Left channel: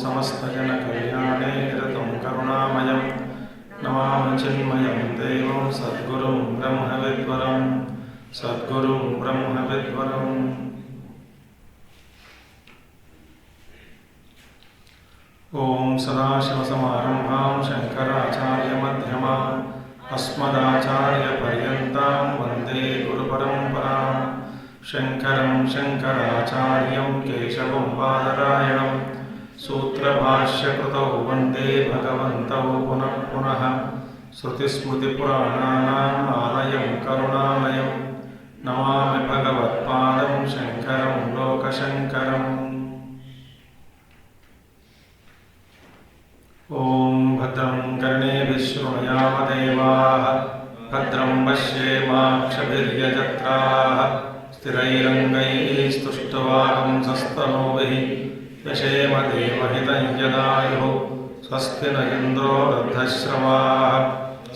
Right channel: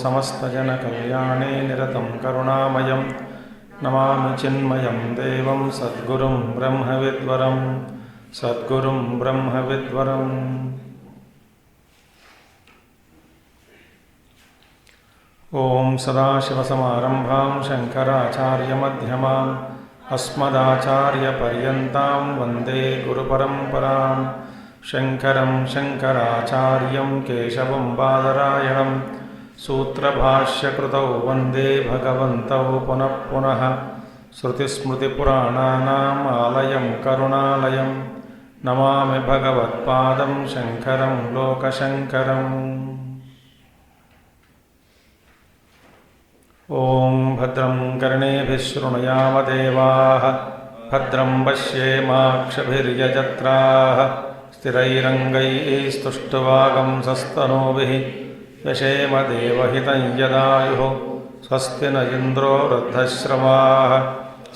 समस्तजनकल्याणे निरतं करुणामयं नमामि चिन्मयं देवं सद्गुरुं ब्रह्मविद्वरम् ॐ सदाशिवसमारम्भां शङ्कराचार्यमध्यमाम् अस्मदाचार्यपर्यन्तां वन्दे गुरुपरम्परां शङ्करं शङ्कराचार्यं केशवं बादरायणं सूत्रभाष्यकृतौ वन्दे भगवन्तौ पुनः पुनः श्रुतिस्मृतिपुराणानाम् आलयं करुणालयं नमामि भगवत्पादं शङ्करं लोकशङ्करम् ॐ भद्रं कर्णेभिः शृणुयामदेवाः भद्रं पश्येमाक्षभिर्यजत्राः स्थिरैरङ्गैः स्तुष्टुवागंसस्तनूभिः यशेम देवहितं यदायुः स्वस्ति न इन्द्रो वृद्धश्रवाः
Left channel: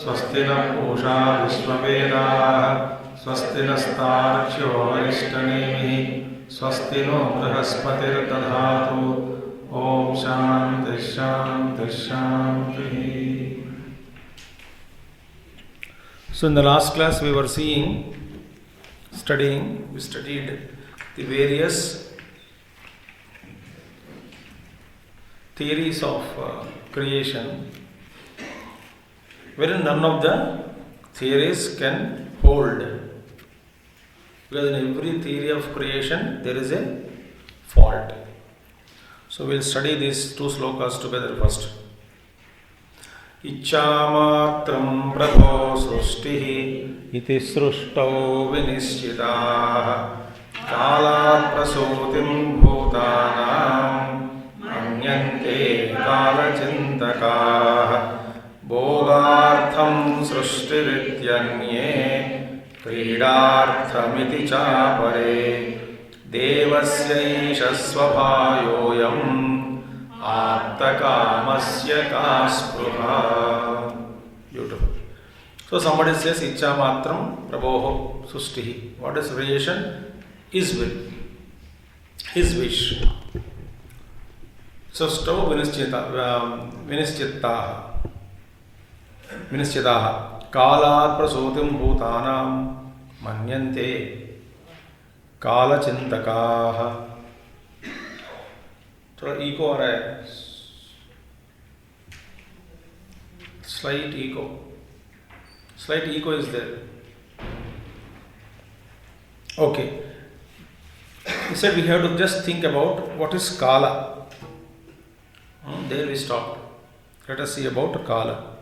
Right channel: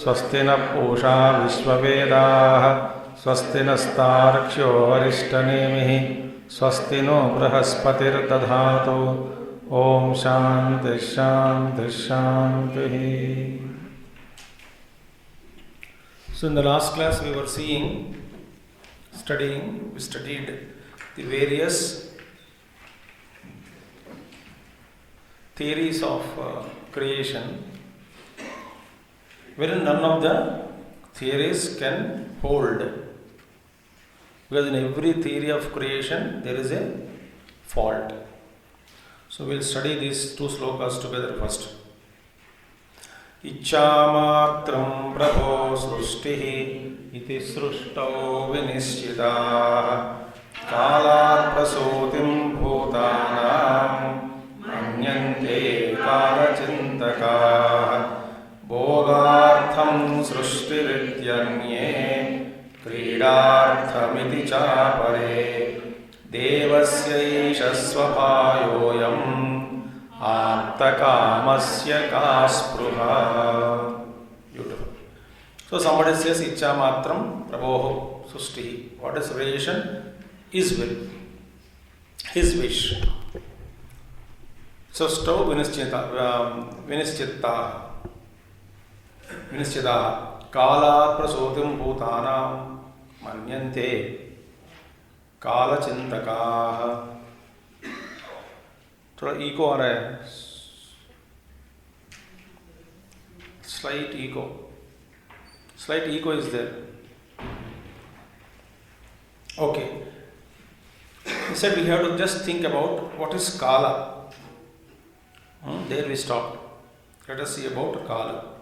स्वस्ति न पूषा विश्ववेदाः स्वस्ति नस्तार्क्ष्यो वरिष्ठनेमिः स्वस्ति नो बृहस्पतिर्दधातु ॐ शान्ति शान्ति शान्तिः. So in the last class we studied the various theories of creation, wherein none of the theories can hold, because in every theory of creation there is a fault. So we'll study these two slokas together first. Icchamatram prabho srushtihi iti sruštau vinischitāh kālāt prasūtim bhūtānām anyante kālacintakāh bhogārtham sruštirityanye क्रीडार्थमिति चापरे देवस्यैष स्वभायोऽयम् आप्तकामस्य का स्पृहा. Beautiful. So somebody says Iccha Matram Prabhoho Sustihi. What is creation? His will, his wish. Sustau Vinischitāha Kālāt prasūtim bhūtānām manyante kālacintakāha. थोड़ा eco आ रहा है, slight ego is there. Okay, he said we have to just think about what is kala. There we stopped. Let us see about kala.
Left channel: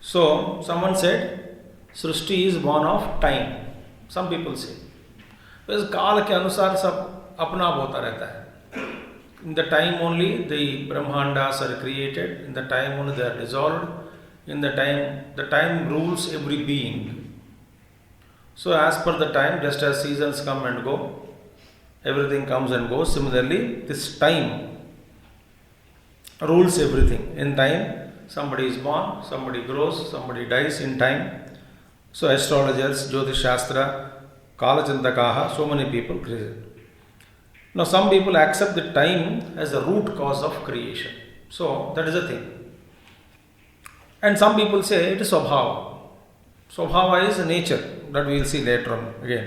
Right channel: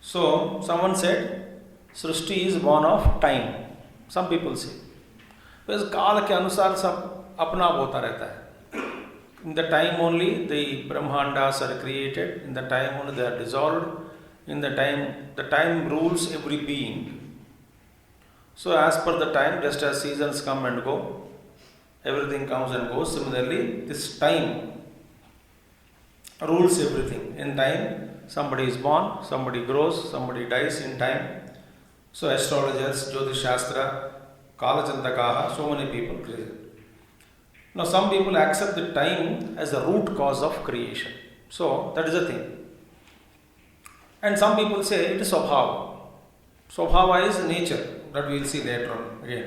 So someone said Srishti is born of time. Some people say बस काल के अनुसार सब अपना होता रहता है. In the time only the Brahmandas are created, in the time only they are dissolved, in the time rules every being. So as per the time, just as seasons come and go, everything comes and goes, similarly this time rules everything. In time somebody is born, somebody grows, somebody dies in time. So astrologers, Jyotish Shastra, Kalachandakaha, so many people create. Now some people accept the time as the root cause of creation. So that is the thing. And some people say it is Swabhava. Swabhava is nature, that we will see later on again.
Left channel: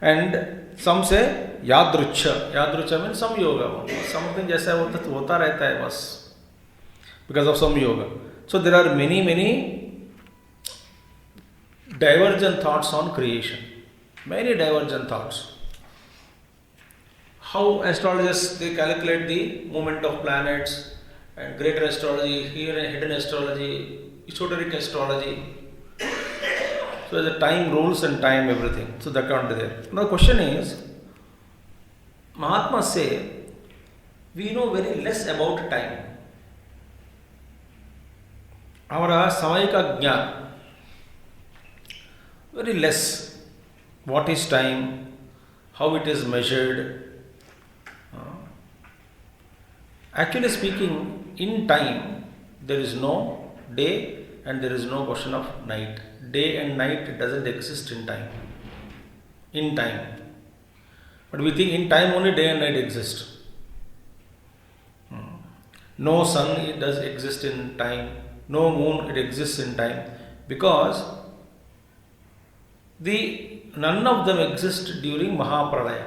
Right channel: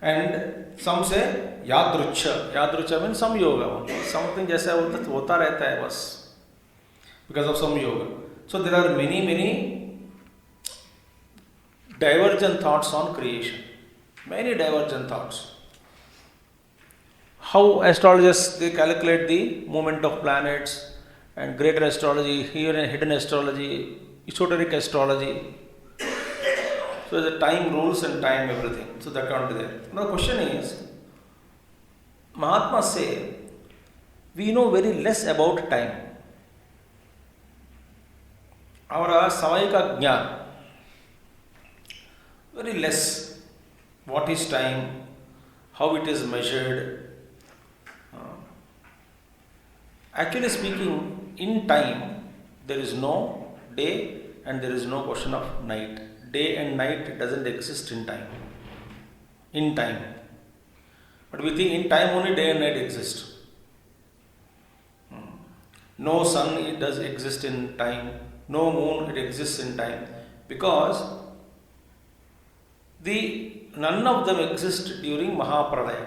And some say Yadrucha. Yadrucha means some yoga only. Something जैसा होता रहता है बस, because of some yoga. So there are many divergent thoughts on creation. Many divergent thoughts. How astrologers, they calculate the movement of planets, and greater astrology, hidden astrology, esoteric astrology, So the time rules and time everything. So that can't be there. Now the question is, Mahatmas say, we know very less about time. Our samayika jnana, very less. What is time? How it is measured? Actually speaking, in time, there is no day and there is no question of night. Day and night doesn't exist in time. In time. But we think in time only day and night exist. No sun, it does exist in time. No moon, it exists in time. Because none of them exist during Mahapralaya.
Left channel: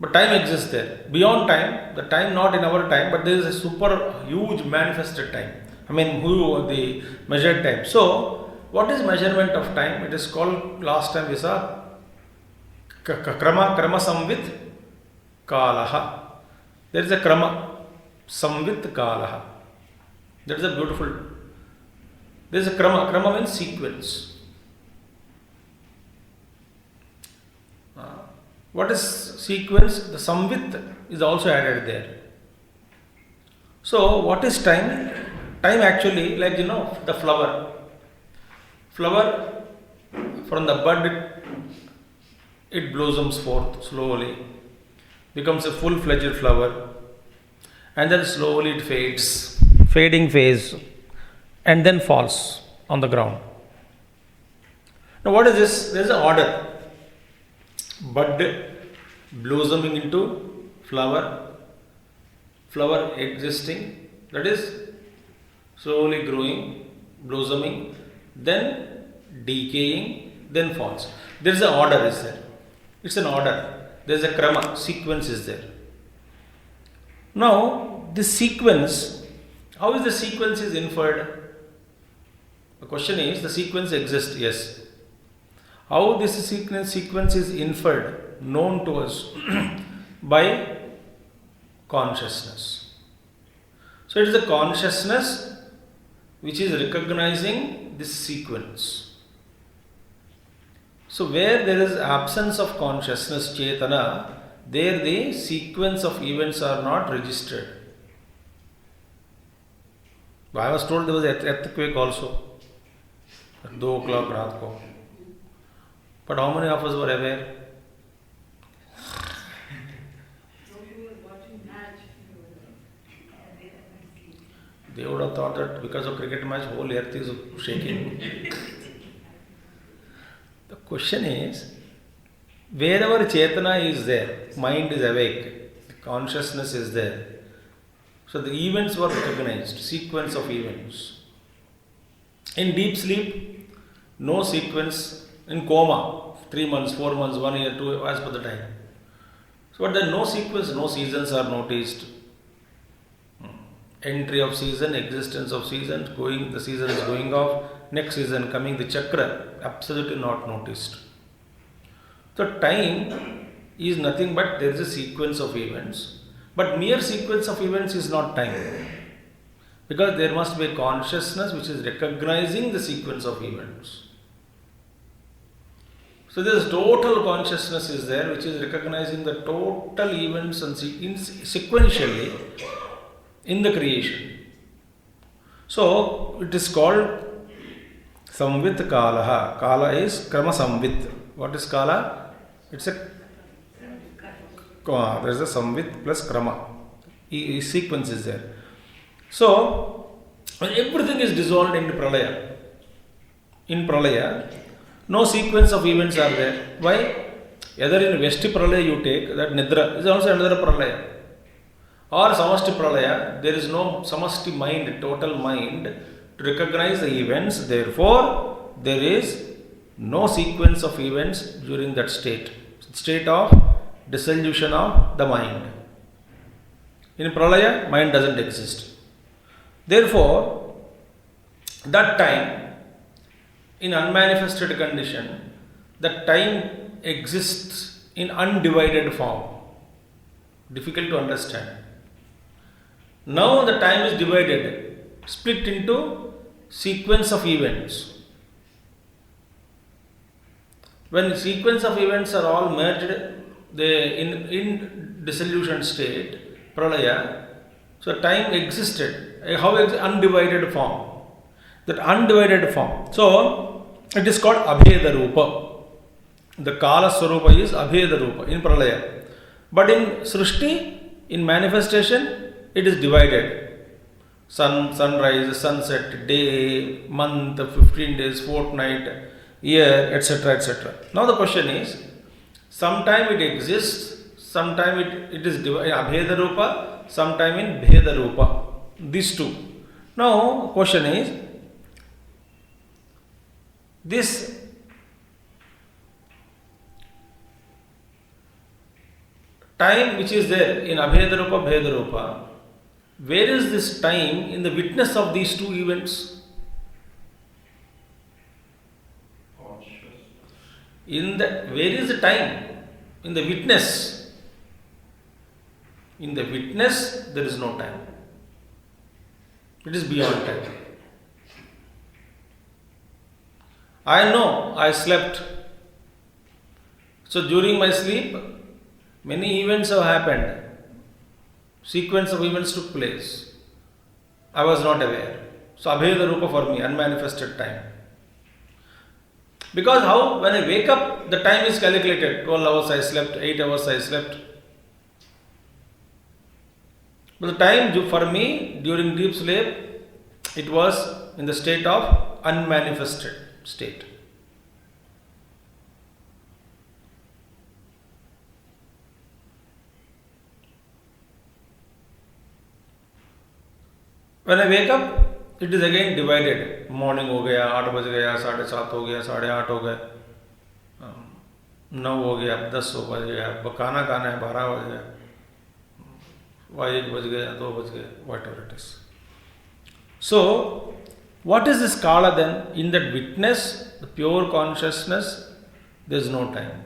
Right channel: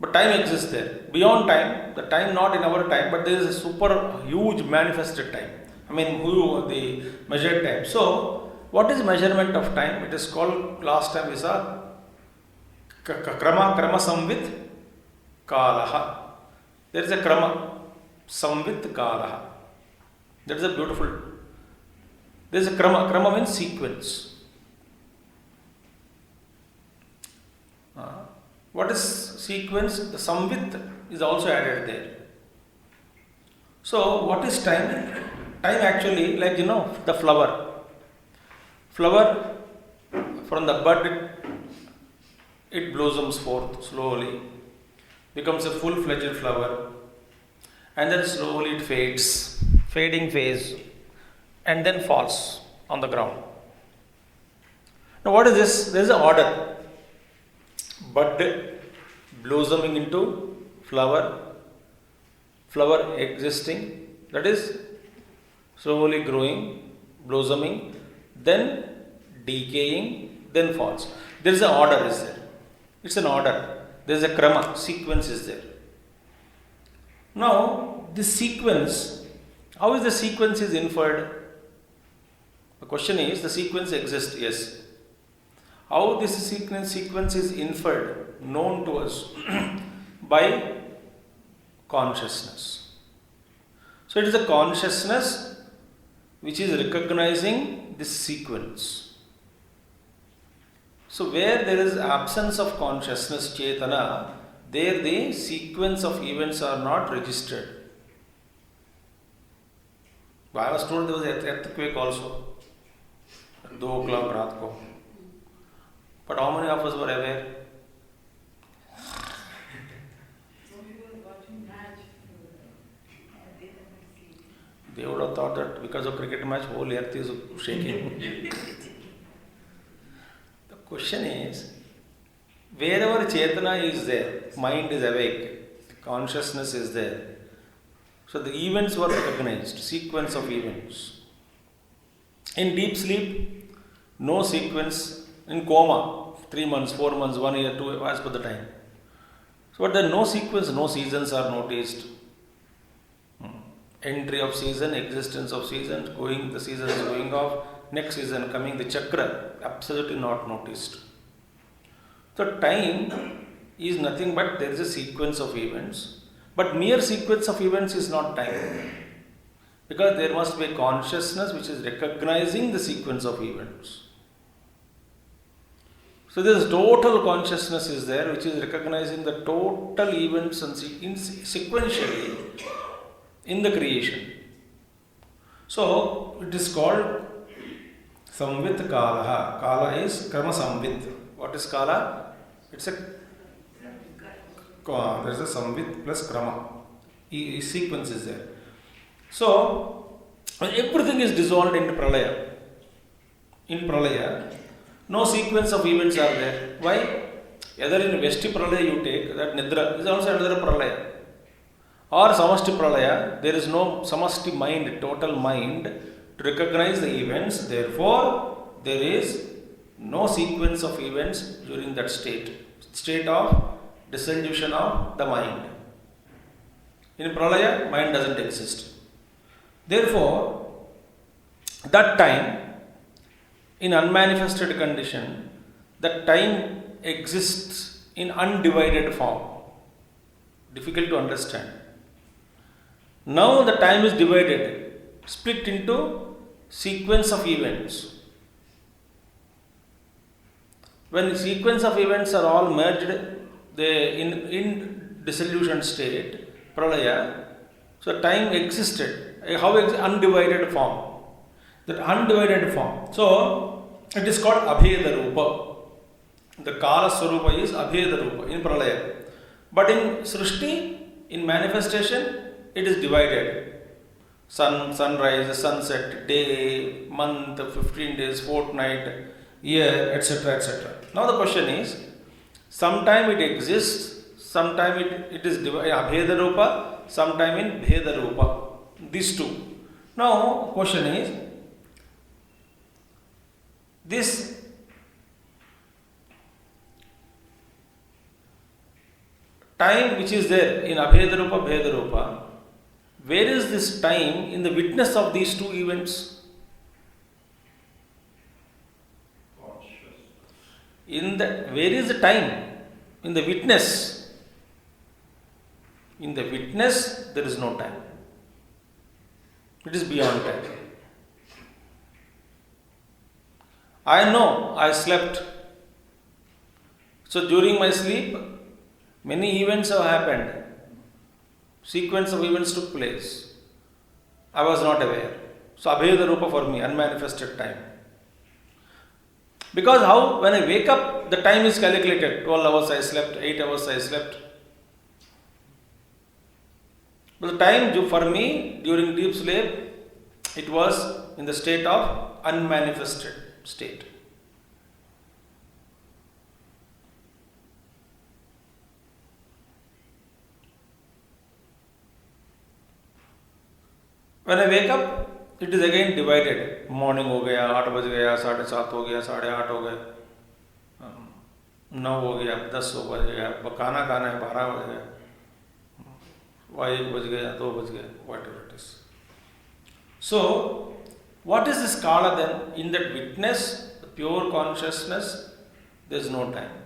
But time exists there. Beyond time, the time not in our time, but there is a super huge manifested time. I mean, the measured time. So, what is measurement of time? It is called, last time we saw, krama samvit kalaha. There is a krama, samvit kalaha. That is a beautiful. There is a krama. Krama means sequence. What is sequence? The samvit is also added there. So, what is time? Time actually, like the flower. Flower, from the bud, it blossoms forth slowly, becomes a full-fledged flower, and then slowly it fades, fading phase, and then falls on the ground. Now, what is this? There is an order. Bud blossoming into flower, flower existing, that is slowly growing, blossoming, then decaying, then falls. There is an order, is there? It's an order. There is a krama, sequence is there. Now, this sequence, how is the sequence is inferred? The question is, the sequence exists, yes. How this sequence is inferred, known to us by consciousness. So it is the consciousness which is recognizing this sequence. So where there is absence of consciousness, chetana, there the sequence of events are not registered. I was told there was an earthquake also at 2 o'clock raat ko. But how many of us were aware? They would have thought that because of cricket match, whole earth is shaking. The question is, wherever Chetana is there, mind is awake, consciousness is there. So the events were recognized, sequence of events. In deep sleep, no sequence. In coma, 3 months, 4 months, 1 year, 2 as per the time. So but there no sequence, no seasons are noticed. Entry of season, existence of seasons, the season is going off, next season coming, the chakra, absolutely not noticed. So time is nothing but there is a sequence of events, but mere sequence of events is not time. Because there must be a consciousness which is recognizing the sequence of events. So there is total consciousness is there which is recognizing the total events and sequentially in the creation. So it is called samvit kalaha. Kala is krama samvit. What is kala? It's a there is a samvit plus krama. Sequence is there. So everything is dissolved in pralaya. In pralaya, no sequence of events are there. Why? Either in Vesti pralaya you take, that nidra is also another pralaya. Or samasti pralaya, there is no samasti mind, total mind to recognize the events. Therefore, there is no sequence of events during that state of dissolution of the mind. In pralaya, mind doesn't exist. Therefore, that time, in unmanifested condition, that time exists in undivided form. Difficult to understand. Now the time is divided, split into sequence of events. When sequence of events are all merged, they in dissolution state, pralaya, so time existed. How undivided form? That undivided form. So it is called abheda rupa. The kala swarupa is abheda rupa in pralaya. But in srishti, in manifestation, it is divided. Sunrise, sunset, day, month, 15 days, fortnight, year, etc., etc. Now the question is, sometime it exists, sometime it is abheda rupa, sometime in bheda rupa. These two. Now question is, this time which is there in abheda rupa, bheda rupa, where is this time in the witness of these two events? Where is the time? In the witness. In the witness, there is no time. It is beyond time. I know I slept. So during my sleep, many events have happened. Sequence of events took place. I was not aware. So abheda rupa for me, unmanifested time. Because how? When I wake up, the time is calculated. 12 hours I slept, 8 hours I slept. But the time for me during deep sleep, it was in the state of unmanifested state. When I wake up, it is again divided. Morning हो गया, 8 बज गया, 7:30 हो गया, 8:30 हो गया, 9 हो गया, 10 हो गया, खाना खाना है, 12 बज गया, 1 बज गया, 2 बज गया, whatever it is. So, what is this kala then? In that witness, the pure consciousness, there is no time.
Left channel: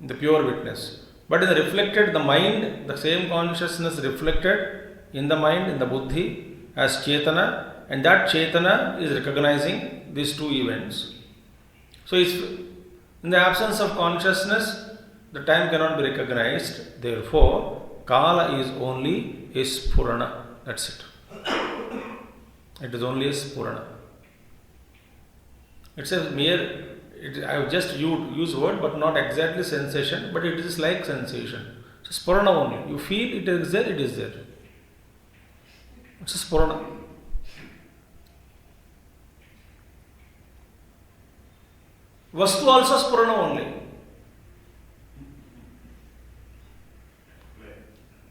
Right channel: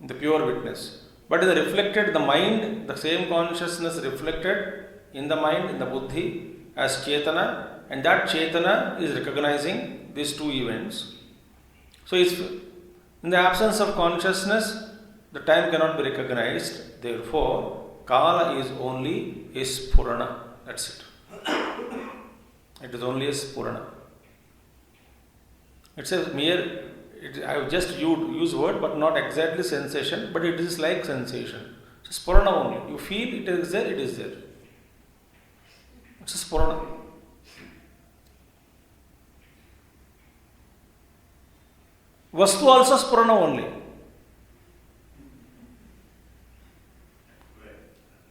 The pure witness. But in the reflected, the mind, the same consciousness reflected in the mind, in the buddhi, as chetana, and that chetana is recognizing these two events. So, it's, in the absence of consciousness, the time cannot be recognized. Therefore, kala is only a spurana. That's it. It is only a spurana. It's a mere, I have just used word, but not exactly sensation, but it is like sensation. It's a spurana only. You feel it is there, it is there. It's a spurana. Vastu also spurana only.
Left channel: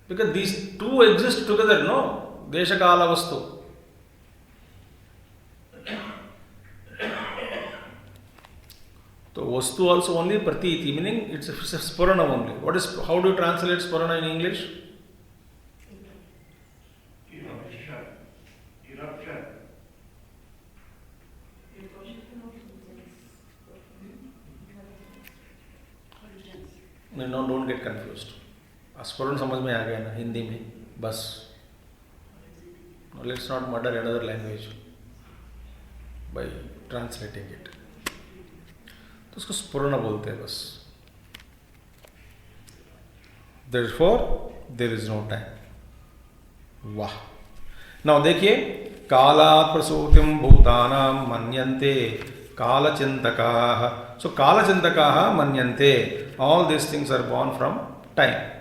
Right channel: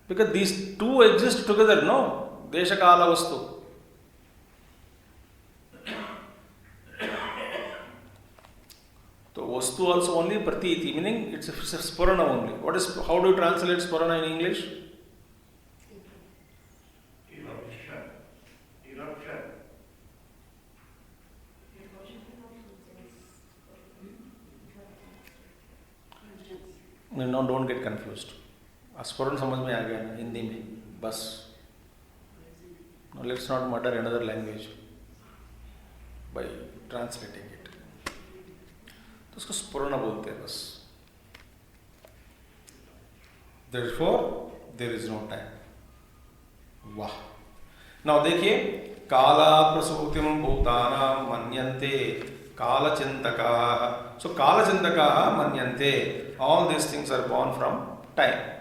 Because these two exist together, no? Desha kala vastu. So vastu also only pratiti, meaning it's a spurana only. How do you translate spurana in English? No, don't get confused. स्फुरन समझ में आ गया ना हिंदी में, बस. Let's not murder another language by translating it. तो उसको स्फुरन बोलते हैं बस. Therefore, there is no time. वाह. Now देखिए, कालात् प्रसूतिं भूतानां मन्यन्ते कालचिन्तकाः. So कालचिन्तकाः मन्यन्ते. All these things are born from time.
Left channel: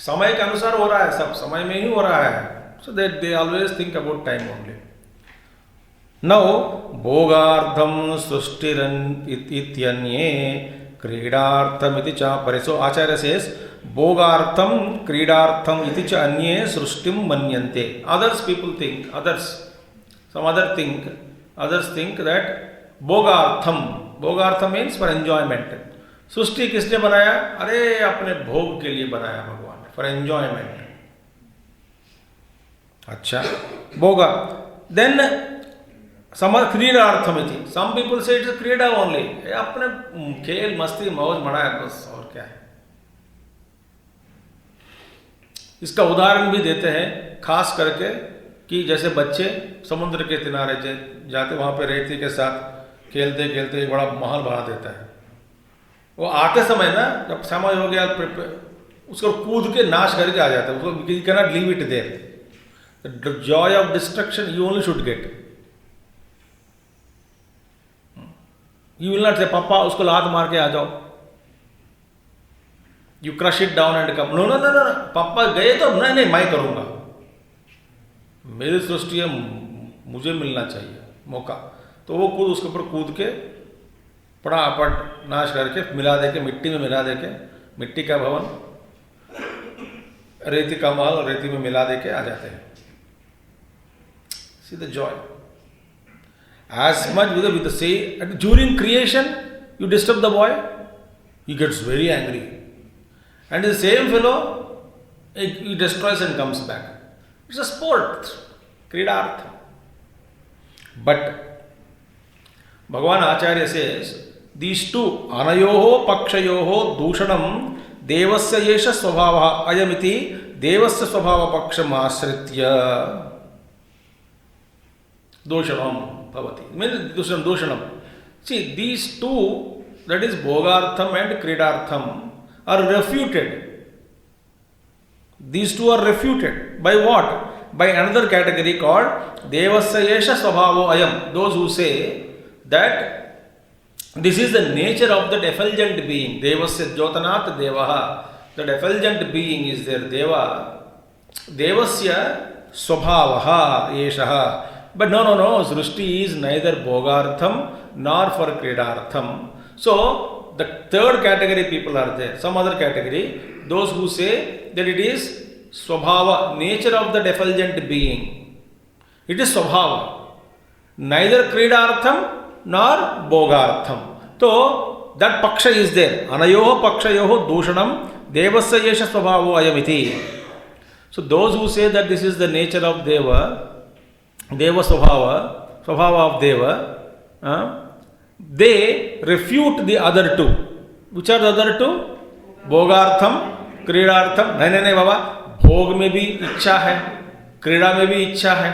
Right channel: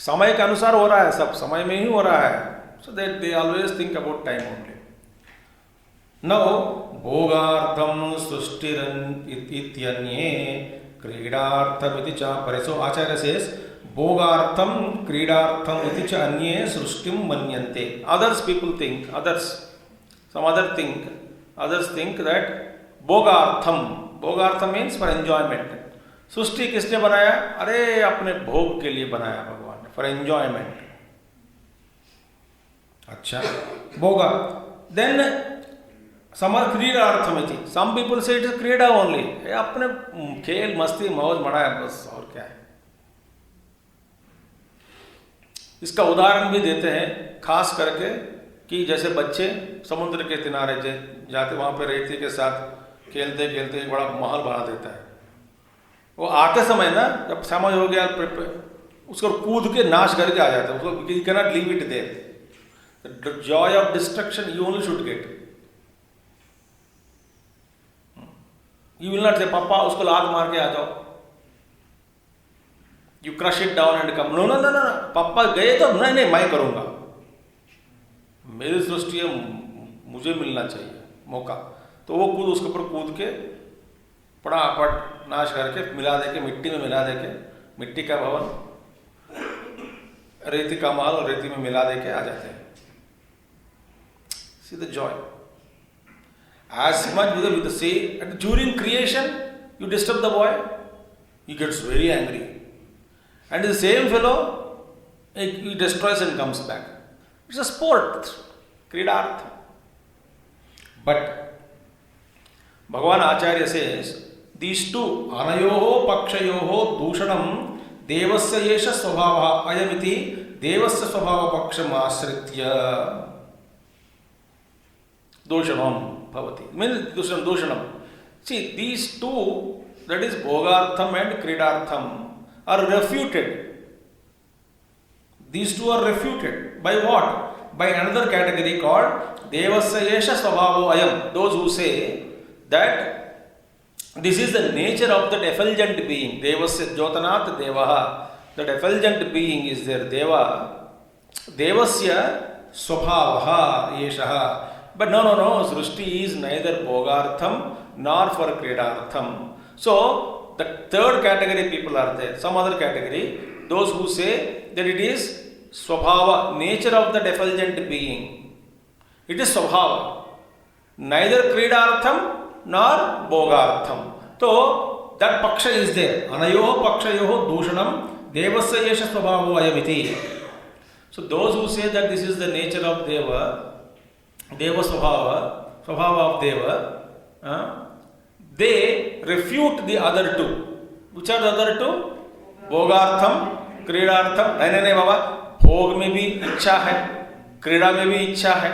समय के अनुसार हो रहा है, सब समय में ही हो रहा है. So that they always think about time only. Now, bhogartham sushtiran ityanye kridartham iti cha pare. So Acharya says, bhogartham kridartham iti cha anye srushtim manyante. Others think that bhogartham means for enjoyment. सृष्टि किसने बनाया? अरे अपने भोग के लिए बनाया भगवान ने, फॉर एंजॉयमेंट. अच्छा, भोगा. देन क्रीडार्थमिति. सम पीपल से इट इज क्रीडा ओनली. अपने खेल मस्ती मौज मना है बस, और क्या है. इसका उदाहरण भी देते हैं, खास करके कि जैसे बच्चे समुद्र के किनारे जाते, वहाँ पे रेती के साथ खेलते खेलते एक बड़ा महल बना देता है। वो आते समय ना, जब समय हो गया, उसको कूद के नाश करके आ जाता है। उसको you cannot leave it there. The joy of destruction you only should get. You will not say पापा उसको लात मार के आ जाओ, you crush it down and come. No no no no, पापा गए तो नहीं नहीं मैं करूंगा, मेरी सृष्टि है, मुझे मिलना चाहिए मौका। तो वो कूद उसके ऊपर कूद के फटाफट नाश करके मिला दे के, मिट्टी में मिला दे के, मिट्टी का भवन, रेती का महल रेती में मिला दे के आ जाते हैं। See the Joy as much with the say. And during creation you disturb the boy, he gets very angry, and the same fellow he destroys and comes back. It's a sport, kridartha. But Bhagavan Acharya says these two anayoho pakshayoho dushanam devasya yesha svabhava ayamiti devasya svabhava paksham asritya doshanam bhavati. Means doshanam. See, these two, that is bhogartham and kridartham, are refuted. These two are refuted by what? By another category called devasya yesha svabhavo ayam. Those who say that this is the nature of that effulgent being. Devasya jyotanat devaha. That effulgent being is their deva. Devasya svabhavaha yeshaha. But no, Srishti is neither bhogartham nor for kridartham. So, the third category people are there. Some other category, those who say that it is swabhava, nature of the effulgent being. It is swabhava. Neither kridartham nor bhogartham. So, that paksha is there. Anayoho pakshayoho dushanam devasya yesha swabhavo ayamiti. So, those who say that this is the nature of Deva, Deva Svabhava of Deva, they refute the other two. Which are the other two? Bhogartham, Kridartham. नहीं बाबा, भोग में भी इच्छा है, क्रीड़ा में भी इच्छा है.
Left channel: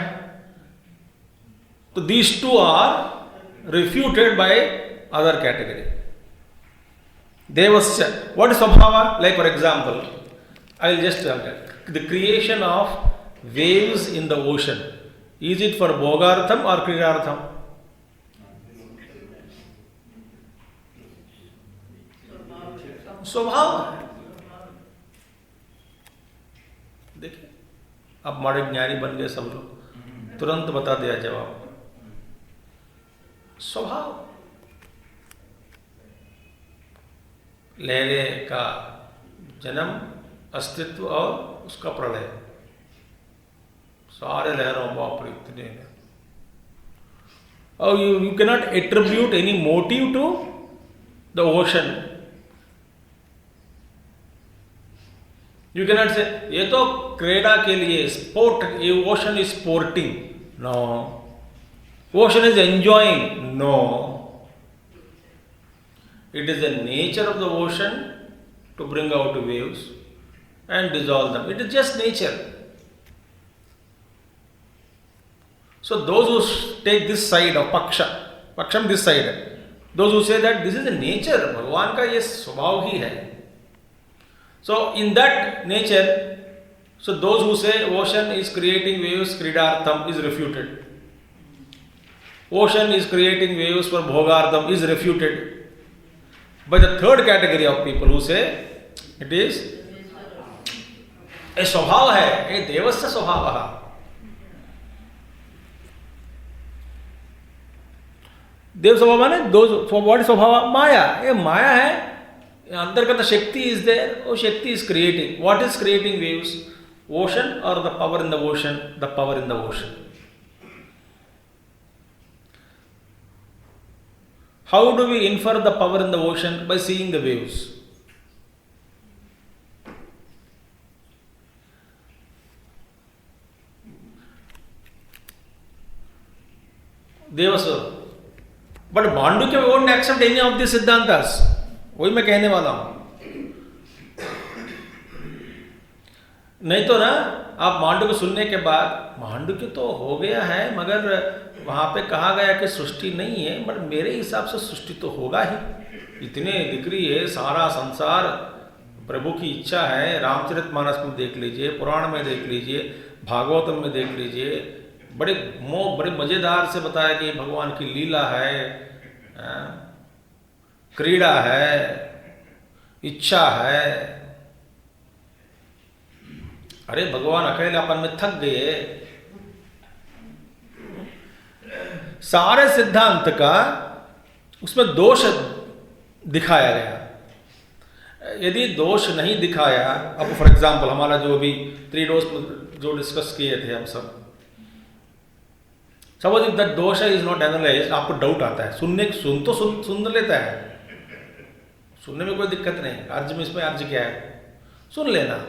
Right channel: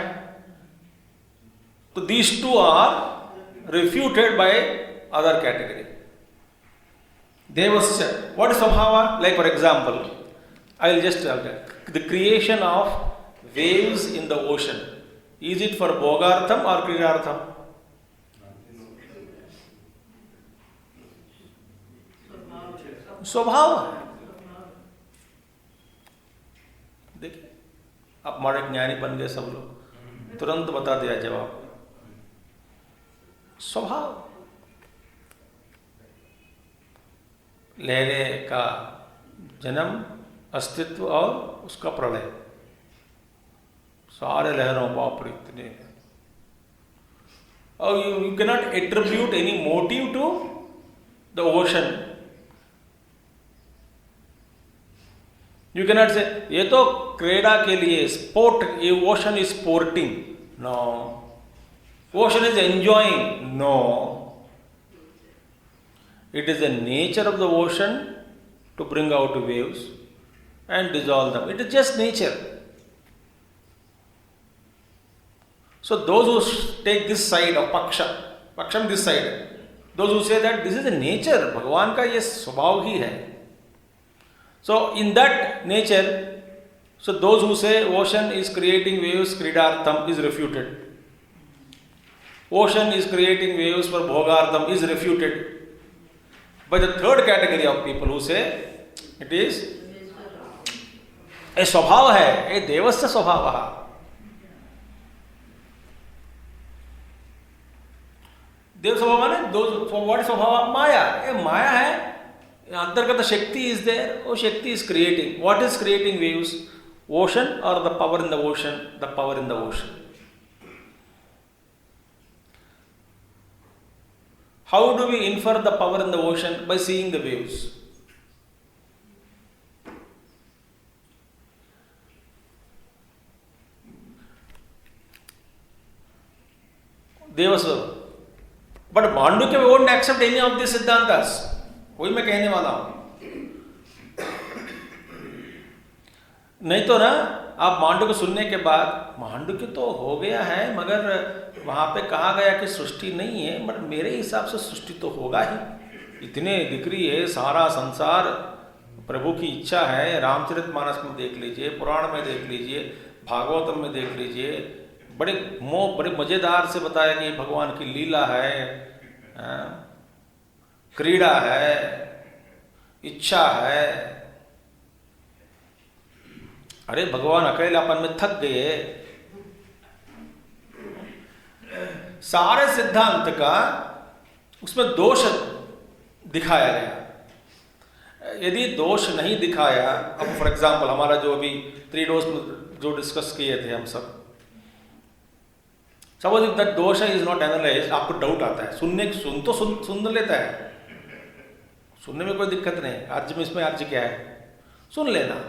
So these two are refuted by other category. Devasya. What is Svabhava? Like for example, I will just tell that the creation of waves in the ocean. Is it for bhogartham or kridartham? स्वभाव. देखिए, अब हमारे ज्ञानी बन गए सब लोग, तुरंत बता दिया जवाब. स्वभाव. लहरे का जन्म, अस्तित्व और उसका प्रलय. सारे लहरों, बाप रे इतने हैं. और you cannot attribute any motive to the ocean. You cannot say ये तो क्रीड़ा के लिए, sport, ocean is sporting. No. Ocean is enjoying. No. It is the nature of the ocean to bring out waves and dissolve them. It is just nature. So those who take this side of paksham this side, those who say that this is the nature, Bhagavan का ये स्वभाव ही है. So in that nature, so those who say ocean is creating waves, kridartham is refuted. Ocean is creating waves for bhogartham is refuted by the third category of people who say it is a स्वभाव है, a devasya स्वभावः. देव स्वभाव माने what is स्वभाव? माया. ये माया है, अंतर्गत शक्ति is there. वो शक्ति is creating. What is creating waves? Ocean or the power in the ocean? The power in the ocean. How do we infer the power in the ocean? By seeing the waves. Devasva. But Māṇḍukya won't accept any of these सिद्धांतास. वही मैं कहने वाला हूं. नहीं तो ना आप मांडुक्य सुनने के बाद मांडुक्य तो हो गया है, मगर वहाँ पे कहा गया कि सृष्टि नहीं है, मगर मेरे हिसाब से सृष्टि तो होगा ही। इतने दिख रही है, सारा संसार प्रभु की इच्छा है। रामचरितमानस में देख लीजिए, पुराण में देख लीजिए, भागवतम में देख लीजिए, बड़े मज़ेदार से बताया कि भगवान की लीला है, क्रीड़ा है, इच्छा है। अरे भगवान अकेलापन में थक गए। सारे सिद्धांत का उसमें दोष दिखाया गया। यदि दोष नहीं दिखाया, अब फॉर एग्जाम्पल हमारा जो अभी 3 डोज जो डिस्कस किए थे हम सब, सपोज इफ दैट दोष इज नॉट एनालाइज्ड, आपको डाउट आता है। सुन लेता है, सुनने में कोई दिक्कत नहीं, अर्ज में इसमें अर्ज क्या है, सुन लेना।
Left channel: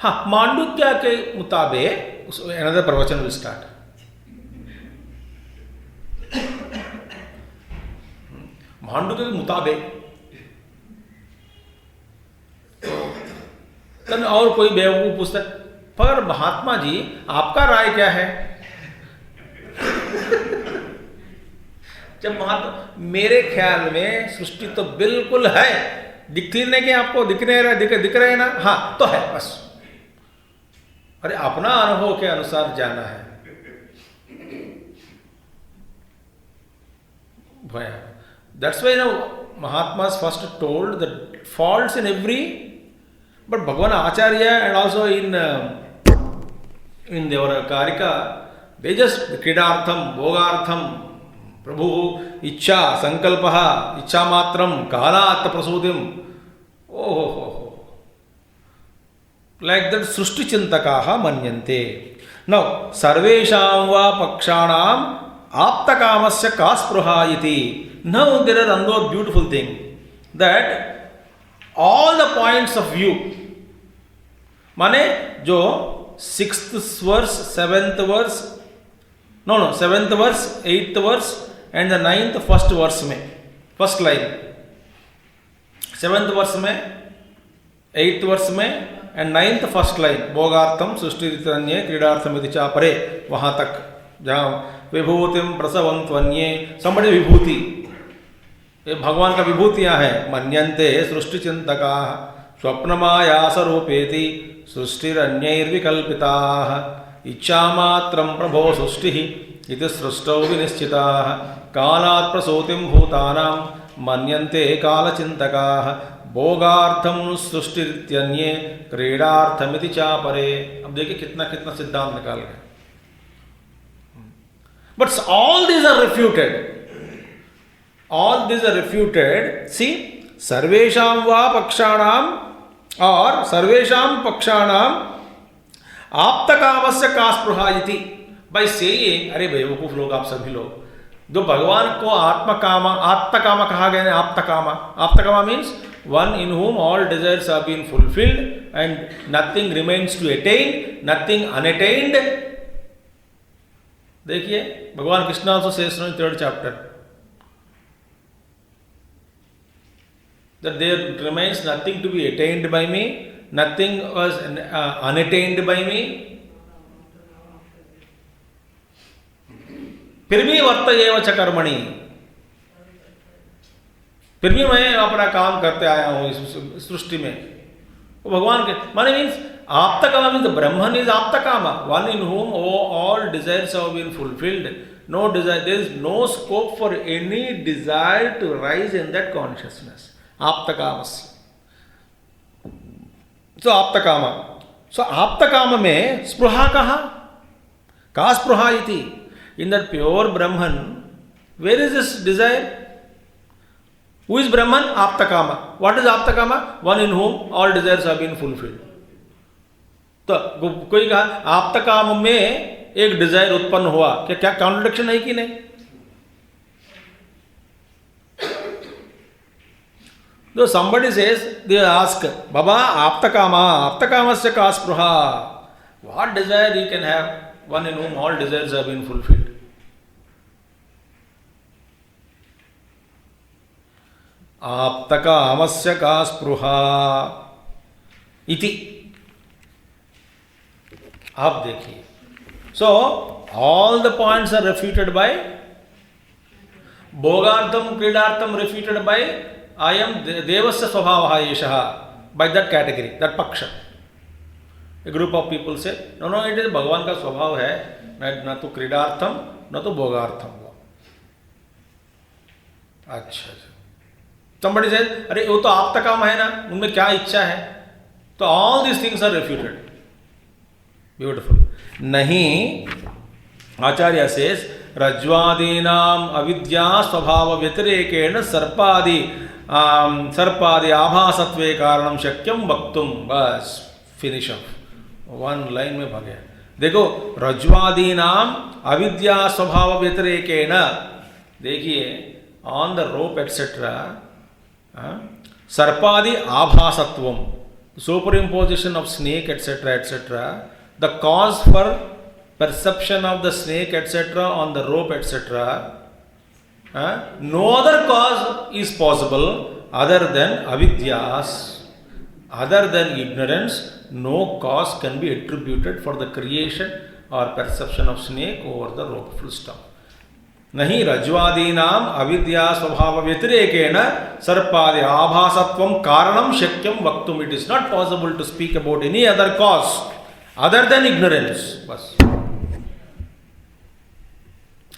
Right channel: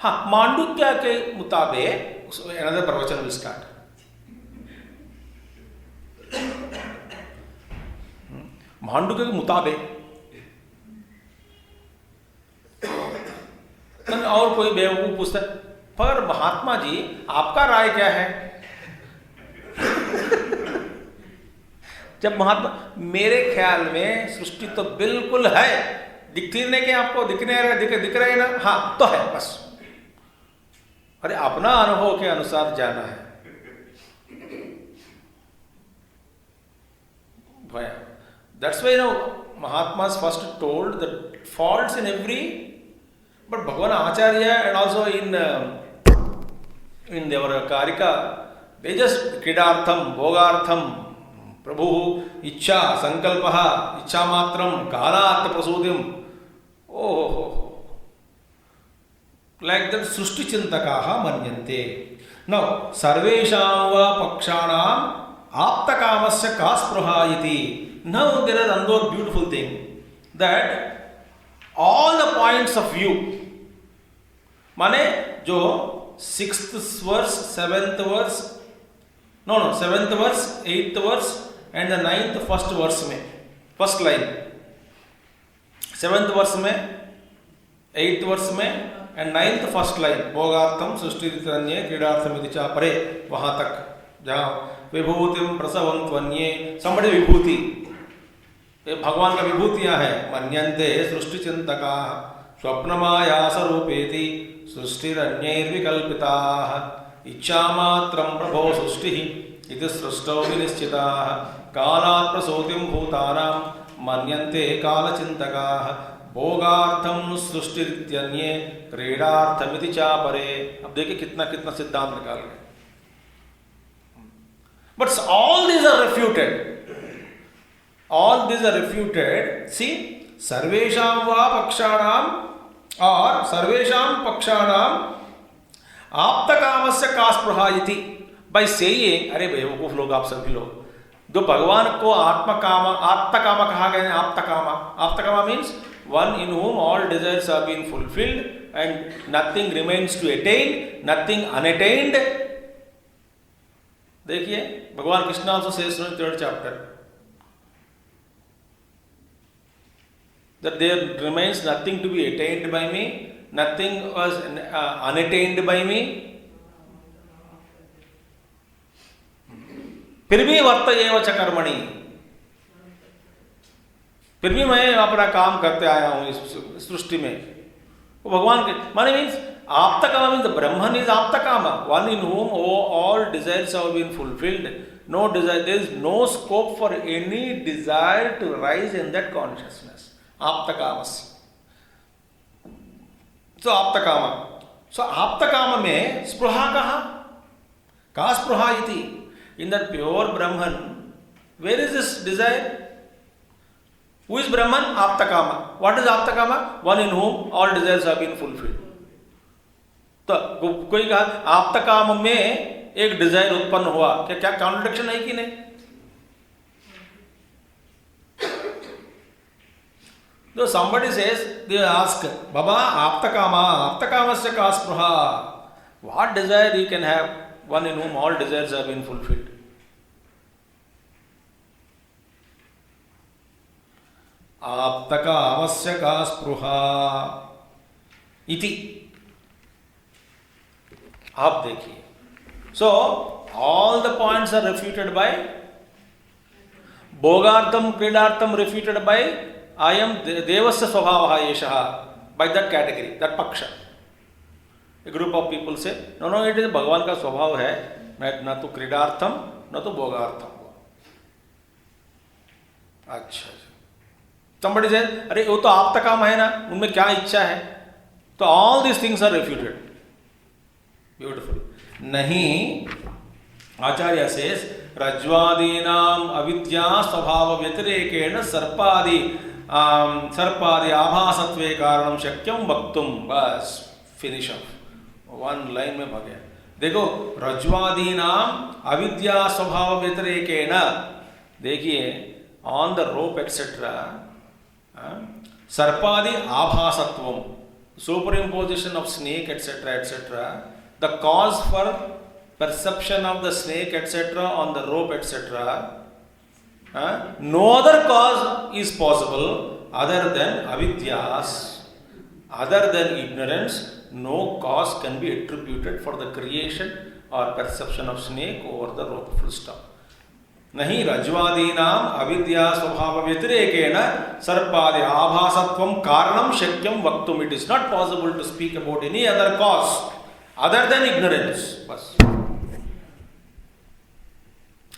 हाँ, मांडुक्य के मुताबिक अनदर प्रवचन विल स्टार्ट। मांडुक्य के मुताबिक और कोई बेवकूफ पूछता है, पर महात्मा जी आपका राय क्या है? जब महात्मा, मेरे ख्याल में सृष्टि तो बिल्कुल है, दिखती नहीं कि आपको दिख रहे ना, हाँ तो है बस। अरे अपना अनुभव के अनुसार जाना है। That's why Mahatmas first told the faults in every, but Bhagavan Acharya and also in their Kārikā, they just kridartham, bhogartham, prabhu, ichcha, sankalpaha, ichcha matram, kālāt prasūtim. Oh. Like that, Srushti Chintakaha manyante. Now, sarvesham va pakshanam aptakamasya kaspruha iti. Now there is another beautiful thing, that all the points of view, माने जो 6th verse, 7th verse, 7th verse, 8th verse and the 9th first verse में, first line, 7th verse में, 8th verse में and 9th first line, भोगार्थम सृष्टिरितन्ये क्रीडार्थम इति चापरे, वहाँ तक जहाँ विभूतिम प्रसवं त्वन्ये, somebody विभूति, ये भगवान का विभूतियाँ हैं। मन्यन्ते सृष्टि चिंतका स्वप्नमायास रूपेति सृष्टिरन्यैर्विकल्पिताः इच्छामात्रं प्रभो सृष्टिः इति सृष्टौ विनिश्चिताः कालात् प्रसूतिं भूतानां मन्यन्ते कालचिन्तकाः भोगार्थं सृष्टिरित्यन्ये क्रीडार्थमिति चापरे। अब देखिए कितना कितना सिद्धांत निकाल गए। But all these are refuted, all these are refuted. See, sarvesham va pakshanam or sarvesham pakshanam aptakamasya kaspruha iti, by saying, अरे बेवकूफ लोग आप सभी लोग, जो भगवान को आत्मकामा कहा गया है, आप्तकामा means one in whom all desires have been fulfilled and nothing remains to attain, nothing unattained. देखिए भगवान Krishna also says in 3rd chapter that there remains nothing to be attained by me, nothing was unattained by me. फिर भी वर्तयेव च कर्मणि, फिर भी मैं अपना काम करते आया हूँ इस सृष्टि में। वो भगवान के माने मीन्स आप्तकामा मीन्स ब्रह्मन इज आप्तकामा, one in whom all desires have been fulfilled. No desire, there is no scope for any desire to rise in that consciousness. आप्तकामस्य, so आप्तकामा, so आप्तकामा में स्पृहा कहा, का स्पृहा इति, in that pure Brahman, where is this desire? Who is Brahman? Aptakama. What is Aptakama? One in whom all desires have been fulfilled. तो कोई कहा आप्तकाम में एक Dzire उत्पन्न हुआ, क्या कॉन्ट्रडिक्शन है कि नहीं? So somebody says, they ask, Baba, aptakamasya ka spruha. What desire he can have? One in whom all desires have been fulfilled. Aptakamasya ka spruha iti. आप देखिए. So all the points are refuted by Bhogartham Kridartham, refuted by I am Devasya Swabhavaha Yeshaha, by that category, that paksha. A group of people say, no, it is Bhagavan का स्वभाव है, न तो क्रीडार्थम न तो भोगार्थम. अच्छा. Somebody says, अरे वो तो आपका काम है ना, उनमें क्या इच्छा है. तो all these things are refuted. Beautiful. नहीं, आचार्य says, रज्ज्वादीनाम अविद्या स्वभाव व्यतिरेकेण सर्पादि आभासत्वे कारणम शक्यम वक्तुम. बस फिनिश ऑफ. वन लाइन में भाग गया. देखो, रज्ज्वादीनाम अविद्या स्वभाव व्यतिरेकेण, देखिए, ऑन द रोप एटसेट्रा, सर्पादि आभासत्वम, superimposition of snake etcetera etcetera, the cause for perception of the snake etc. on the rope etc. No other cause is possible other than avidyas, other than ignorance. No cause can be attributed for the creation or perception of snake over the rope. Full stop. नहीं रज्ज्वादीनाम अविद्या स्वभाव व्यतिरेकेण सर्पादि आभासत्वम कारणम शक्यम वक्तुम. It is not possible to speak about any other cause other than ignorance. बस.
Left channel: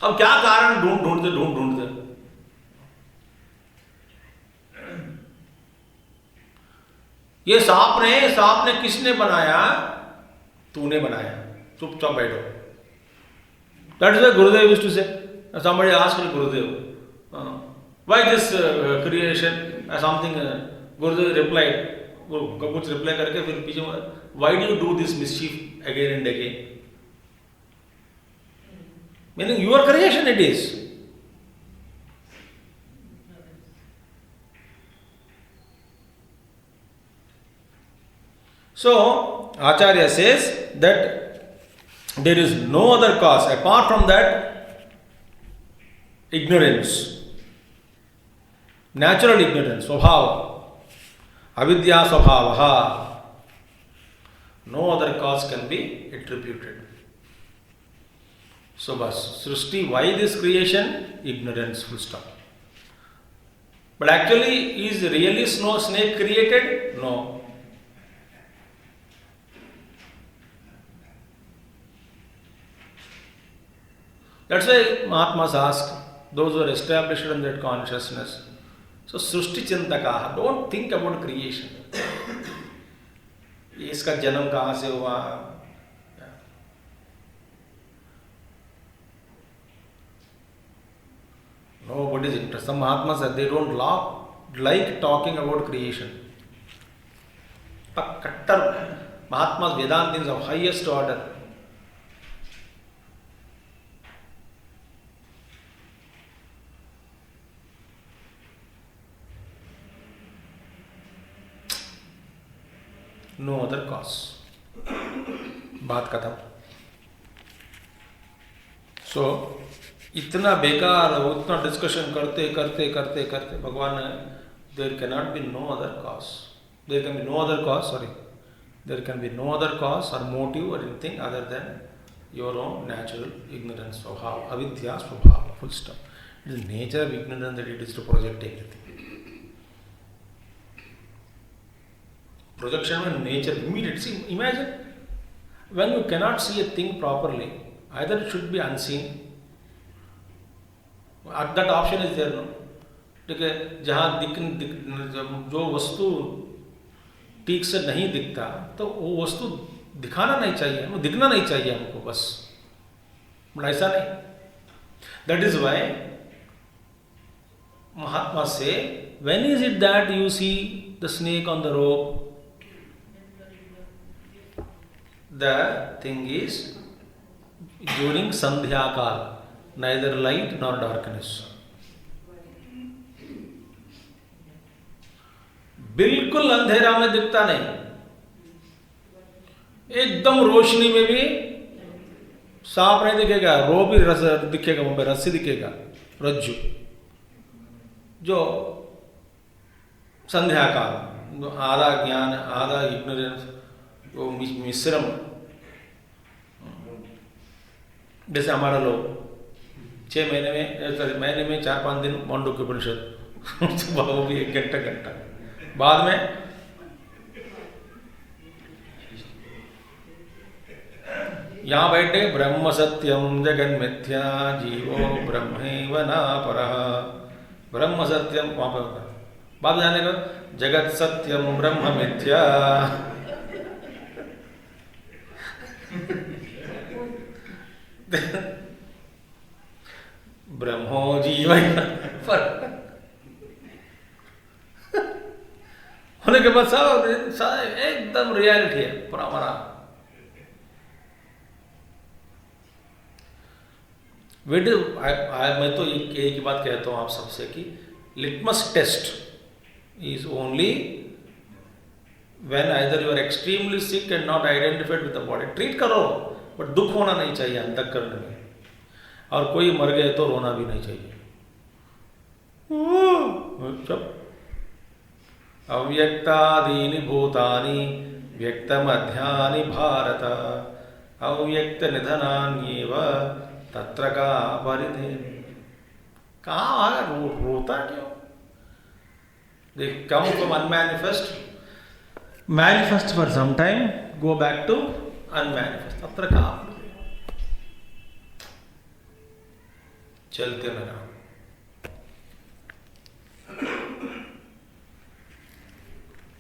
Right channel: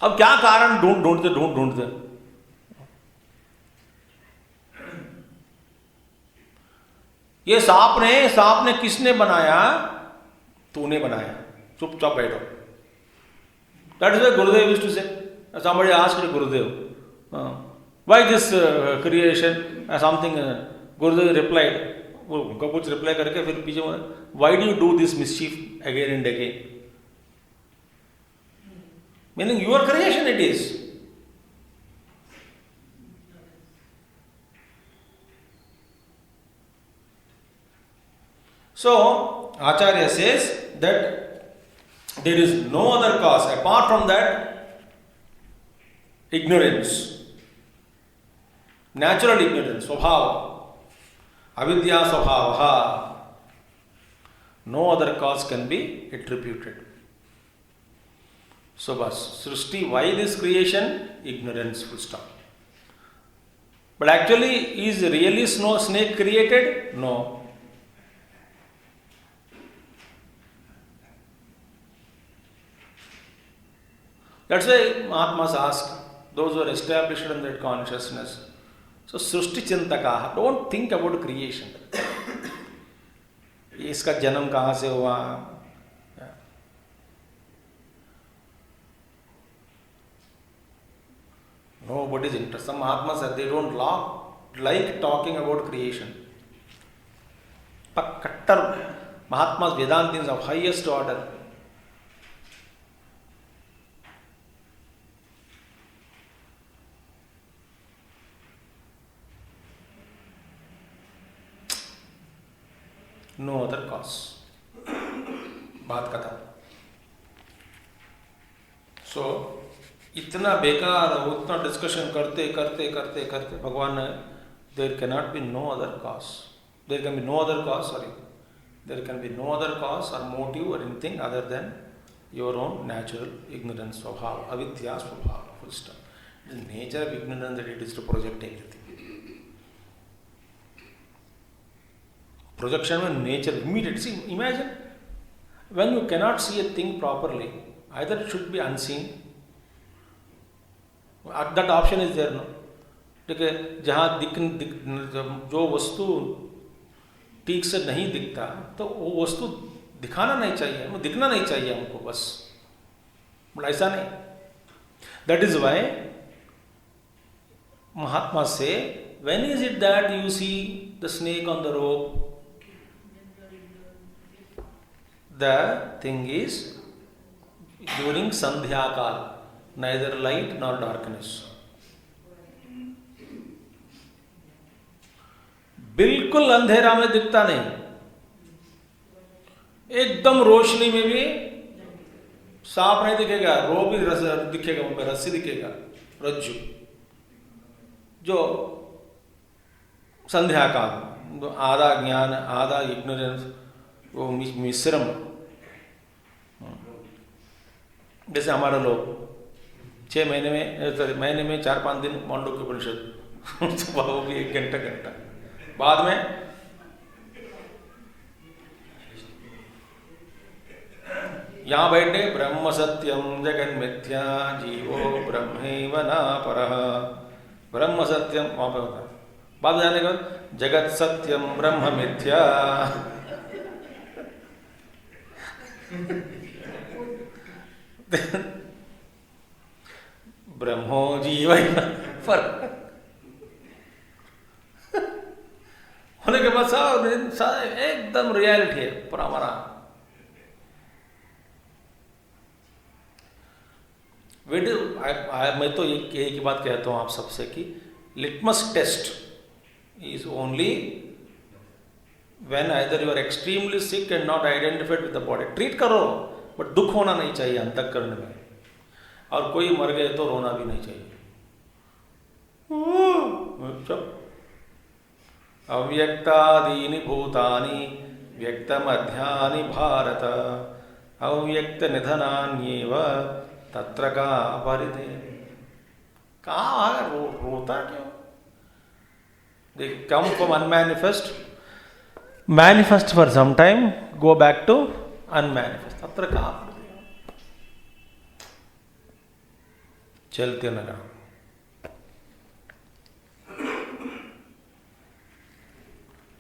अब क्या कारण ढूंढते. ये सांप ने किसने बनाया? तूने बनाया. चुपचाप बैठो. That is why Gurudev used to say. Somebody asked Gurudev, why this creation? Something Gurudev replied. उनको कुछ रिप्लाई करके फिर पीछे, why do you do this mischief again and again? Meaning your creation it is. So Acharya says that there is no other cause apart from that ignorance, natural ignorance, swabhava, avidya swabhavaha. No other cause can be attributed. So bas, Srishti, why this creation? Ignorance, full stop. But actually, is really snake created? No. That's why Mahatmas ask those who are established in that consciousness. So Srishti Chintakaha, don't think about creation. इसका जन्म कहाँ से हुआ? Nobody is interested. Some Mahatmas said they don't like talking about creation. But Kattar Mahatmas, Vedantins of highest order. No other cause. बात खत्म. So इतना बेकार, उतना डिस्कशन करते भगवान ने, there cannot be no other cause. There can be no other cause, there can be no other cause or motive or anything other than your own natural ignorance, swabhava, avidya swabhava, full stop. It is nature of ignorance that it is to project everything. Projection of nature, immediate. See, imagine when you cannot see a thing properly, either it should be unseen. That option is there, no? देखिए, जहाँ जो वस्तु ठीक से नहीं दिखता, तो वो वस्तु दिखाना नहीं चाहिए, वो दिखना नहीं चाहिए हमको, बस. बट ऐसा नहीं. That is why Mahatma say, when is it that you see the snake on the rope? The thing is during Sandhya Kal, neither light nor darkness. बिल्कुल अंधेरा में दिखता नहीं, एकदम रोशनी में भी सांप नहीं दिखेगा, रोप ही दिखेगा, वहां पर रस्सी दिखेगा, रज्जु. जो संध्या काल, आधा ज्ञान आधा इग्नोरेंस, वो मिश्रम, जैसे हमारा लोग 6 महीने में, महीने में 4-5 दिन मांडुक्य उपनिषद सुबह वो भी 1 घंटा, बाद में यहाँ बैठे ब्रह्म सत्यम जगन मिथ्या जीवो ब्रह्मैव न परः, ब्रह्म सत्यम वहाँ पे होता है। बाद में जाने का जगत सत्यम ब्रह्म मिथ्या, ब्रह्मो जीव पर होने के बाद सब एकदम रियलिटी है पूरा हमारा। मैं तो एक ही बात कहता हूँ आप सबसे कि litmus test is only when either you are extremely sick and not identified with the body. Treat करो बट दुख होना नहीं चाहिए अंतःकरण में, और कोई मर गए तो रोना भी नहीं चाहिए। चुप। अव्यक्तादीनि भूतानि व्यक्तमध्यानि भारत, अव्यक्त निधनान्येव तत्र का परिधे। कहाँ आ रोता क्यों? They come from unmanifest, manifest for some time, go back to unmanifest. तत्र का परिधे। चलते लगा।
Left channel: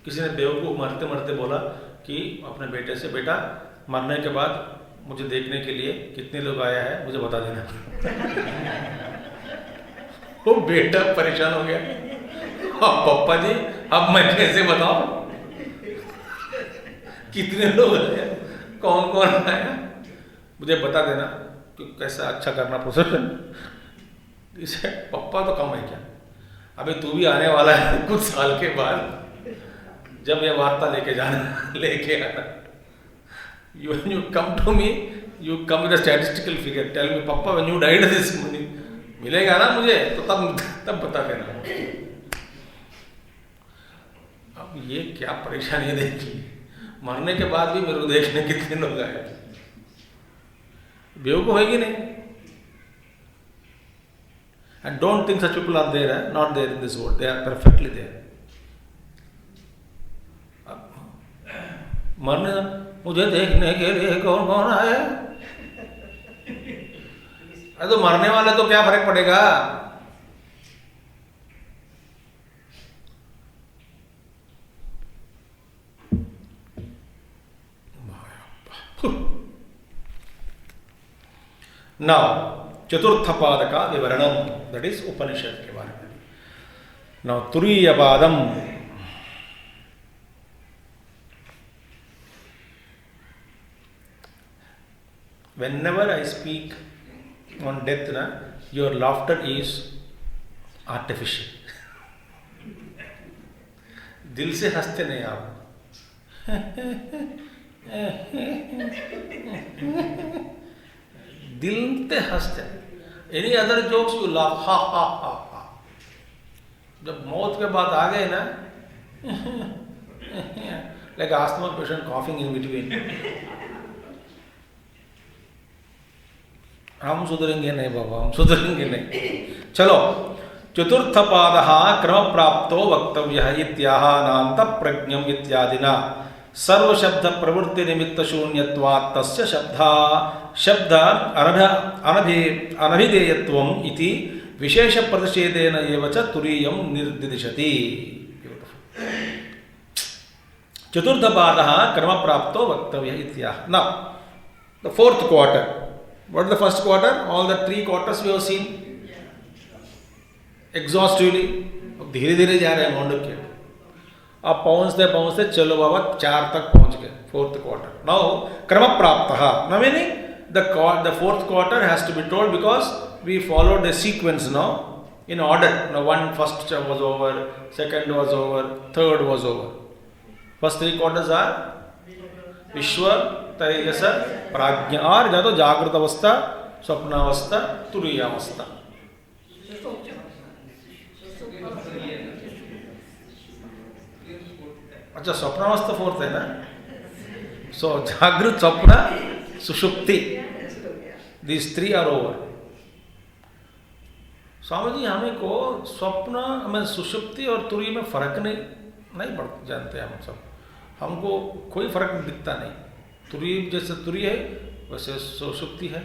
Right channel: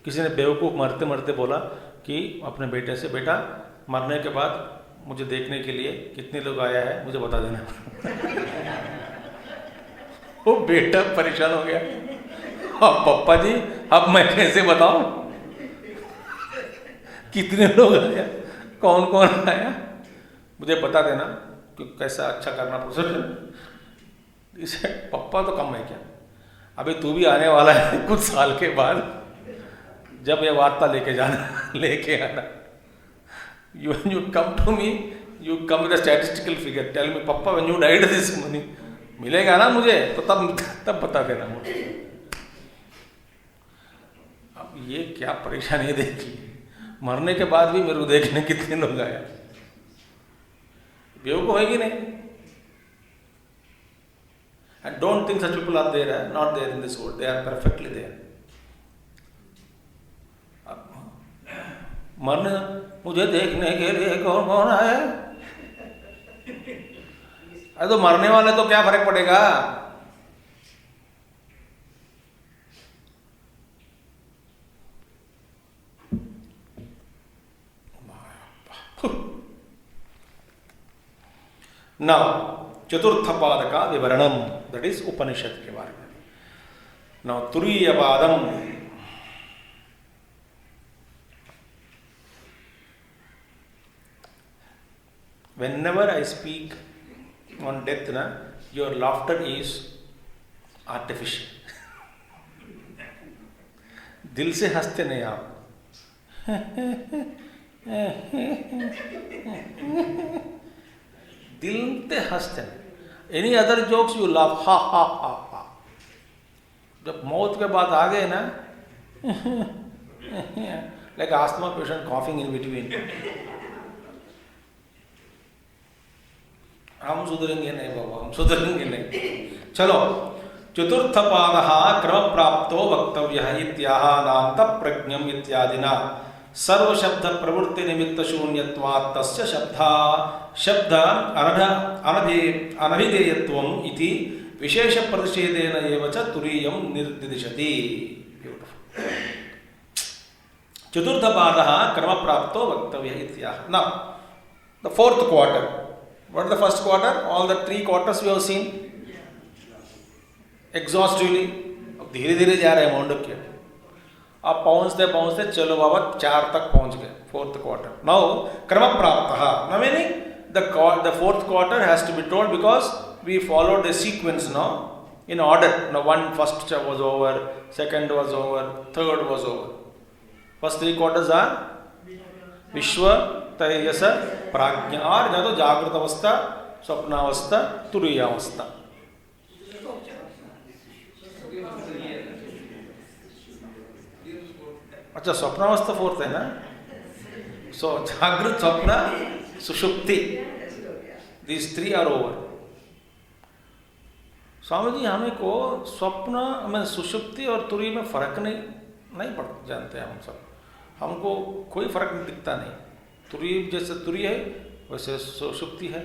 किसी ने बेवकूफ मरते मरते बोला कि अपने बेटे से, बेटा मरने के बाद मुझे देखने के लिए कितने लोग आया है मुझे बता देना। वो बेटा परेशान हो गया, अब पप्पा जी अब मैं कैसे बताऊं कितने लोग आए, कौन कौन आया, मुझे बता देना कि कैसा अच्छा करना प्रोसेशन। इसे पप्पा तो कम है क्या, अभी तू भी आने वाला है कुछ साल के बाद, जब ये वार्ता लेके आना। You come to me, you come with a statistical figure, tell me papa when you died this money मिलेगा ना मुझे, तो तब बता देना मुझे। अब ये क्या परेशानी देखी, मरने के बाद भी मेरे को देखने कितने लोग आए। बेवकूफ है कि नहीं? And don't think such people are there, not there in this world, they are perfectly there. मरने मुझे देखने के लिए कौन कौन आए? अरे तो मरने वाले तो क्या फर्क पड़ेगा? नाउ चतुर्थ पाद का विवरणम, दैट इज उपनिषद के बारे में। नाउ तुरीय पादम, whenever I speak on death, your laughter is artificial. दिल से हंसते नहीं आप। दिल से हंसते। Any other jokes you laugh, ha ha ha ha. जब मौत के बाद आ गए ना, like asthma patient coughing in between. हम सुधरेंगे नहीं बाबा, हम सुधरेंगे नहीं। चलो, चतुर्थ पादः क्रम प्राप्तो वक्तव्यः इत्याह नान्त प्रज्ञम इत्यादिना सर्वशब्द प्रवृत्ति निमित्त शून्यत्वात् तस्य शब्द अनभिधेयत्वम् इति विशेष प्रतिषेधेन एव च तुरीयं निर्दिशति। चतुर्थ पादः क्रम प्राप्तो वक्तव्यः इत्याह। Now, the fourth quarter. What is the first quarter? All the 3 quarters we have seen exhaustively. अब धीरे धीरे जा रहे हैं मांडुक्य। अब पहुंचते पहुंचते चलो बाबा 4 तक पहुंच गए, 4th quarter. Now क्रम प्राप्तः, now meaning the 4th quarter has to be told because we followed the sequence now in order. Now first was over, second was over, third was over. First 3 quarters are विश्व, तेजस, प्राज्ञा, और या तो जागृत अवस्था, स्वप्नावस्था, तुरीयावस्था। अच्छा, स्वप्नावस्था 4th है ना? सो जागृत, स्वप्न, सुषुप्ति, these three are over. Swami ji हमें को स्वप्न में सुषुप्ति और तुरीय में फर्क नहीं पड़ जानते हम सब, हमको कोई फर्क दिखता नहीं। तुरीय जैसे तुरीय है वैसे सुषुप्ति है,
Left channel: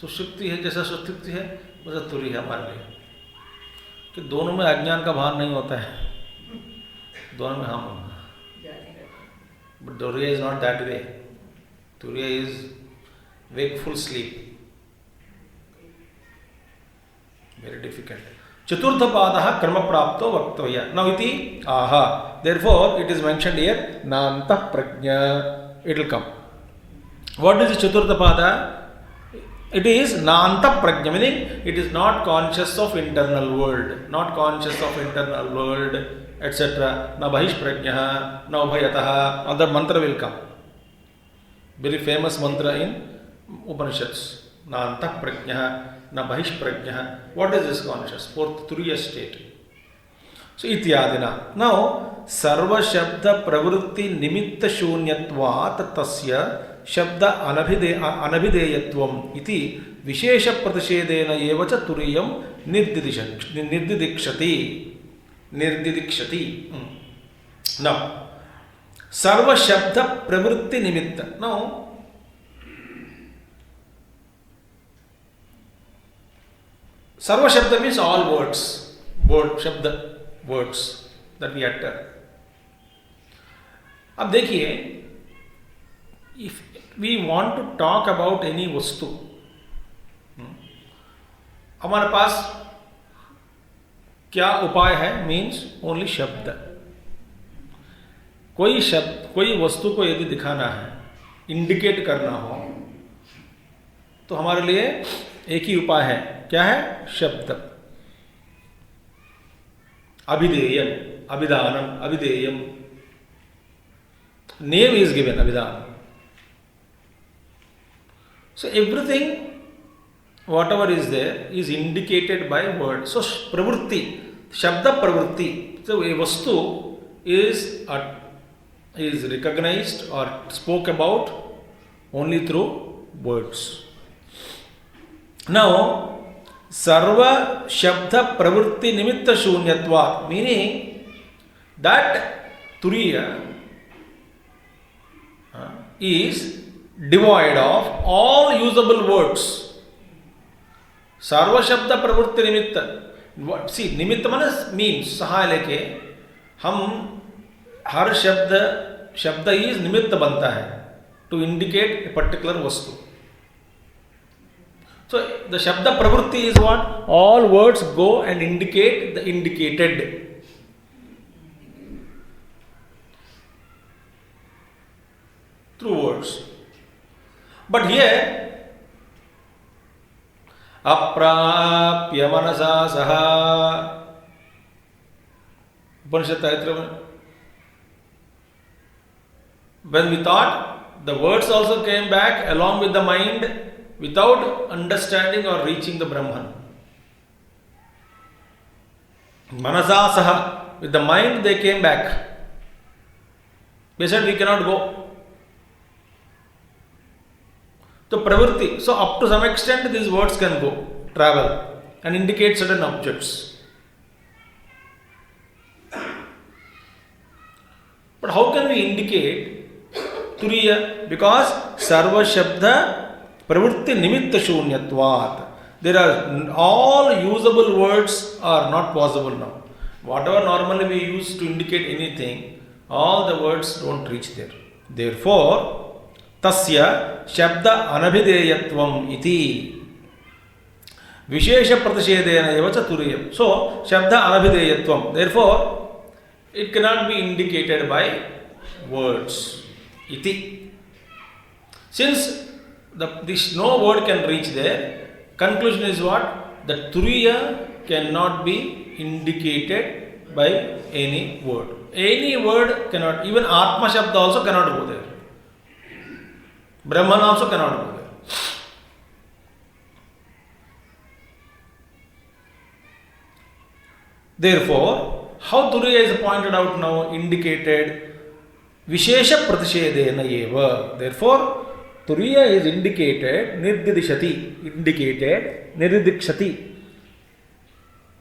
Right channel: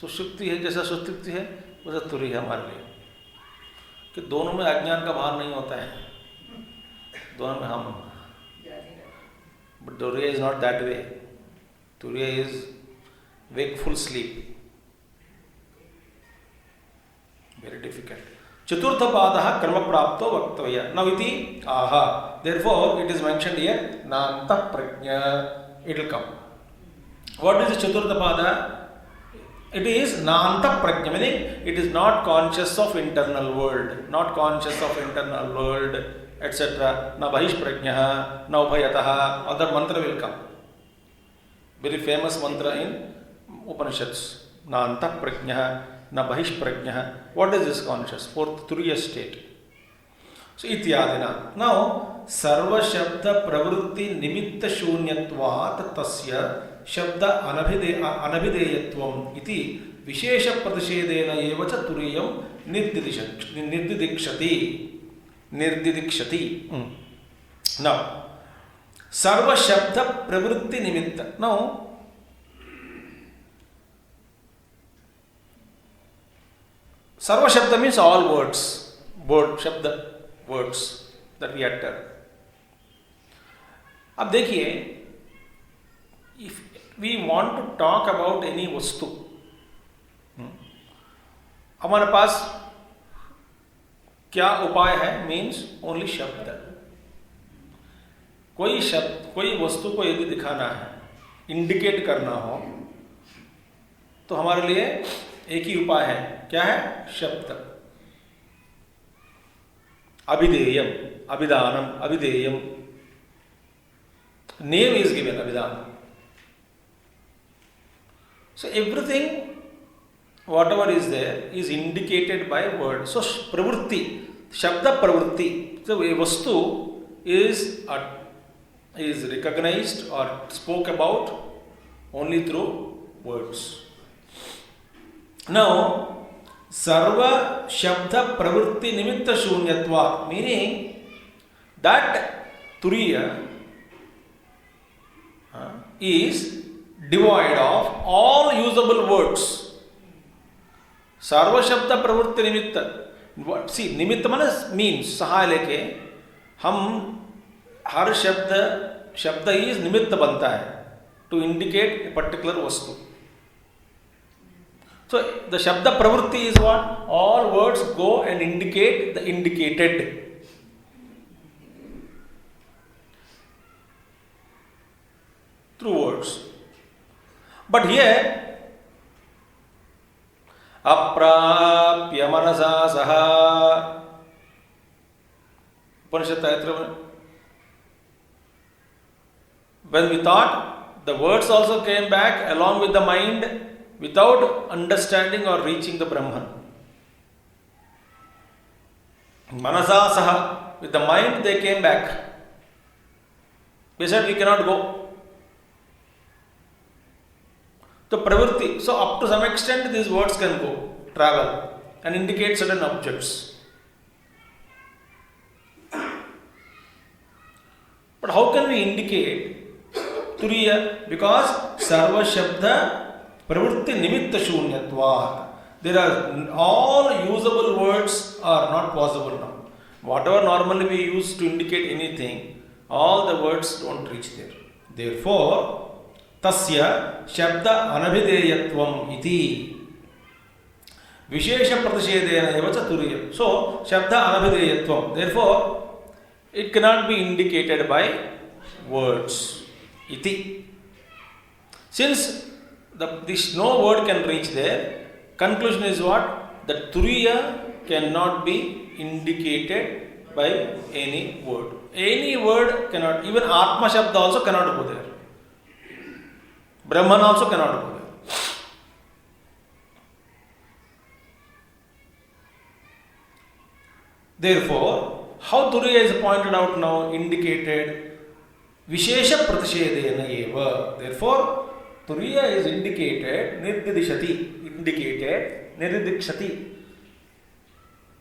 सुषुप्ति है जैसा सुषुप्ति है वैसे तुरीय है हमारे लिए, कि दोनों में अज्ञान का भान नहीं होता है, दोनों में हम। बट तुरीय इज नॉट दैट वे, तुरीय is wakeful sleep, very difficult. Chaturtha padaha karma prapto vaktavya. Now iti aha. Therefore it is mentioned here nanta prajna. It will come. What is the chaturtha pada? It is nanta prajna, meaning it is not conscious of internal world, not conscious of internal world, etc. Na bahish prajna, na ubhayataha. Other mantra will come. Very famous mantra in Upanishads. Na antah prajna, na bahish prajna. What is this conscious? Fourth, turiya state. So, ityadina. Now, sarva shabda pravrutti nimitta shunyatvat tasya shabda anabhideyatvam iti vishesha pratishedena evacha turiyam nirdidikshati. Now, sarva shabda pravrutti nimitta. Now, sarva shabda means all words, shabda, words that we utter. अब देखिए, if we want to talk about any वस्तु, हमारे पास क्या उपाय है? Means only शब्द। कोई शब्द, कोई वस्तु को यदि दिखाना है, इंडिकेट करना हो, तो हमारे लिए एक ही उपाय है। क्या है? शब्द। अभिधेयम, अभिधानम, अभिधेयम। नेम इज गिवन, अभिधान। So everything, whatever is there, is indicated by word. So pravrutti, shabda pravrutti. So a vastu is recognized or spoke about only through words. Now, sarva shabda pravrutti nimitta shunyatva, meaning that turiya is devoid of all usable words. Sarva shabda pravrutti nimitta. See, nimitta means सहाय लेके हम हर शब्द is निमित्त बनता है to indicate a particular vastu. So the shabda pravrutti is what? All words go and indicate the indicated. Through words. But here, aprapya manasa saha, Upanishad Taitra, when we thought, the words also came back along with the mind without understanding or reaching the Brahman. Manasa saha, with the mind they came back. They said we cannot go. So pravritti, so up to some extent these words can go, travel and indicate certain objects. But how can we indicate turiya? Because sarva shabda pravritti nimitta shunyatvat. There are all usable words are not possible now. Whatever normally we use to indicate anything, all the words don't reach there. Therefore, tasya shabda anabhideyatvam iti vishesha pratishedena evacha turiyam. So, shabda anabhideyatvam. Therefore, it cannot be indicated by words. Iti. Since this no word can reach there, conclusion is what? The turiya cannot be indicated by any word. Any word cannot, even Atma Shabda also cannot go there. Brahman also cannot go there. Therefore, how turiya is pointed out now, indicated, vishesha pratishedena eva. Therefore, Turiya is indicated, nirdidikshati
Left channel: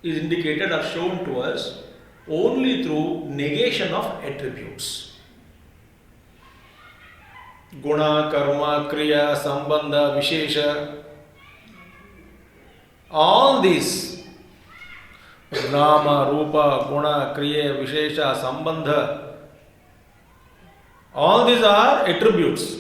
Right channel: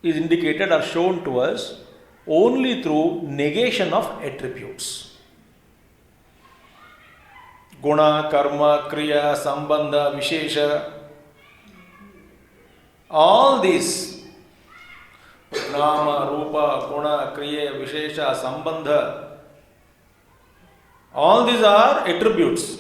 is indicated or shown to us only through negation of attributes. Guna, karma, kriya, sambandha, vishesha, all these nama, rupa, guna, kriya, vishesha, sambandha, all these are attributes.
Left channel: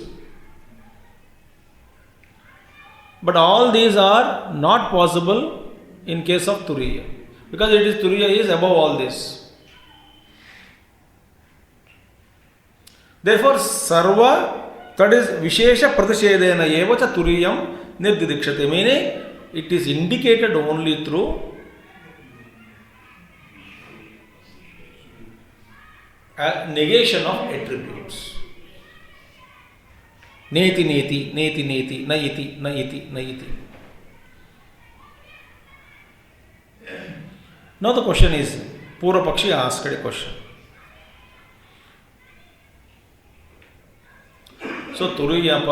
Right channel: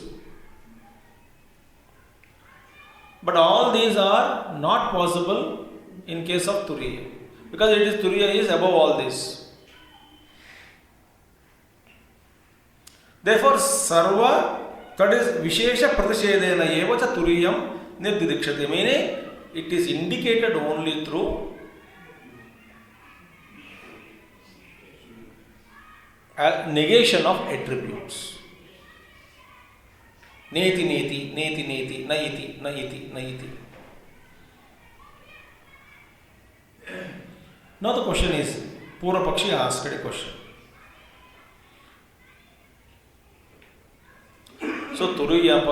But all these are not possible in case of Turiya. Because Turiya is above all this. Therefore, sarva, that is vishesha pratishedena evacha turiyam nirdidikshate. Meaning, it is indicated only through a negation of attributes. Neti, neti, neti, neti, naiti, naiti, naiti. Now the question is, Purva Pakshi asked a question. So Turiya,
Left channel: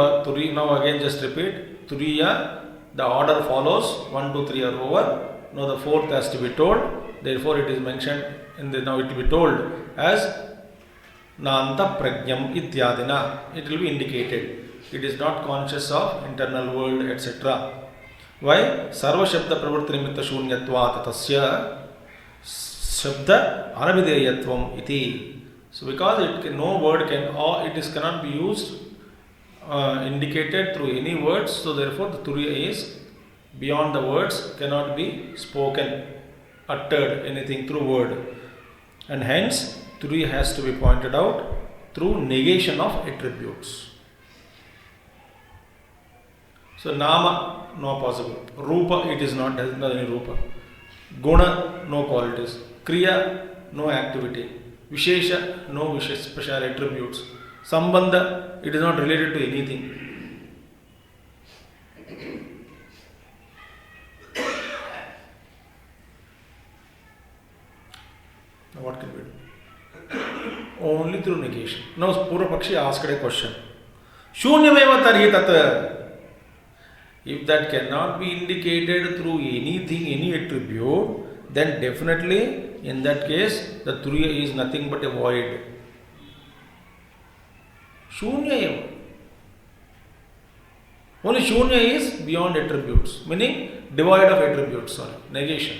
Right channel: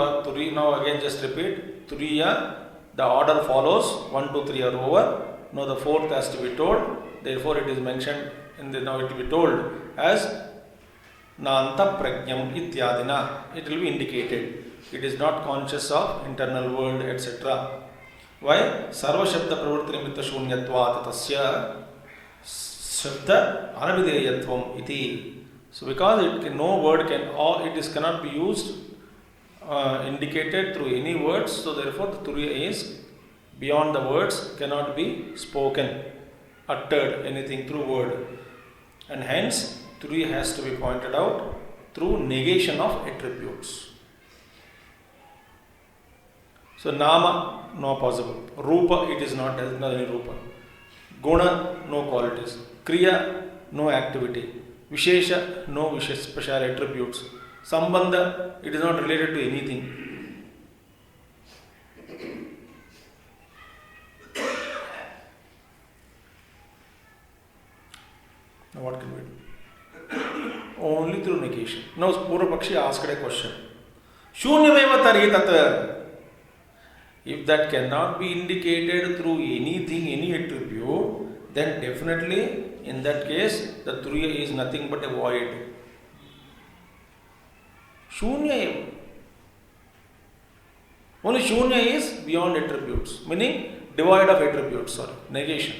now again just repeat. Turiya, the order follows, 1, 2, 3 are over. Now the fourth has to be told. Therefore it is mentioned, now it will be told as Nanta Prajnam Ityadina. It will be indicated. It is not conscious of internal world, etc. Why? Sarva Shabda Pravritti Nimitta Shunyatvat Tasya Shabda Anavideyatvam iti. So because no word cannot be used, indicated through any words, so therefore the Turiya is beyond the words, cannot be spoken, uttered, anything through word. And hence, Turiya has to be pointed out through negation of attributes. So Nama, no possible. Rupa, it is not, has not any Rupa. Guna, no qualities. Kriya, no activity. Vishesha, no special attributes. Sambandha, it is not related to anything. Now what can we do? Only through negation. Now Purva Pakshi asked a question. Shunyameva tarhi tat. If that cannot be indicated through anything, any attribute, then definitely in that case the Turiya is nothing but a void. Shunya eva. Only Shunya is beyond attributes, meaning devoid of attributes, negation.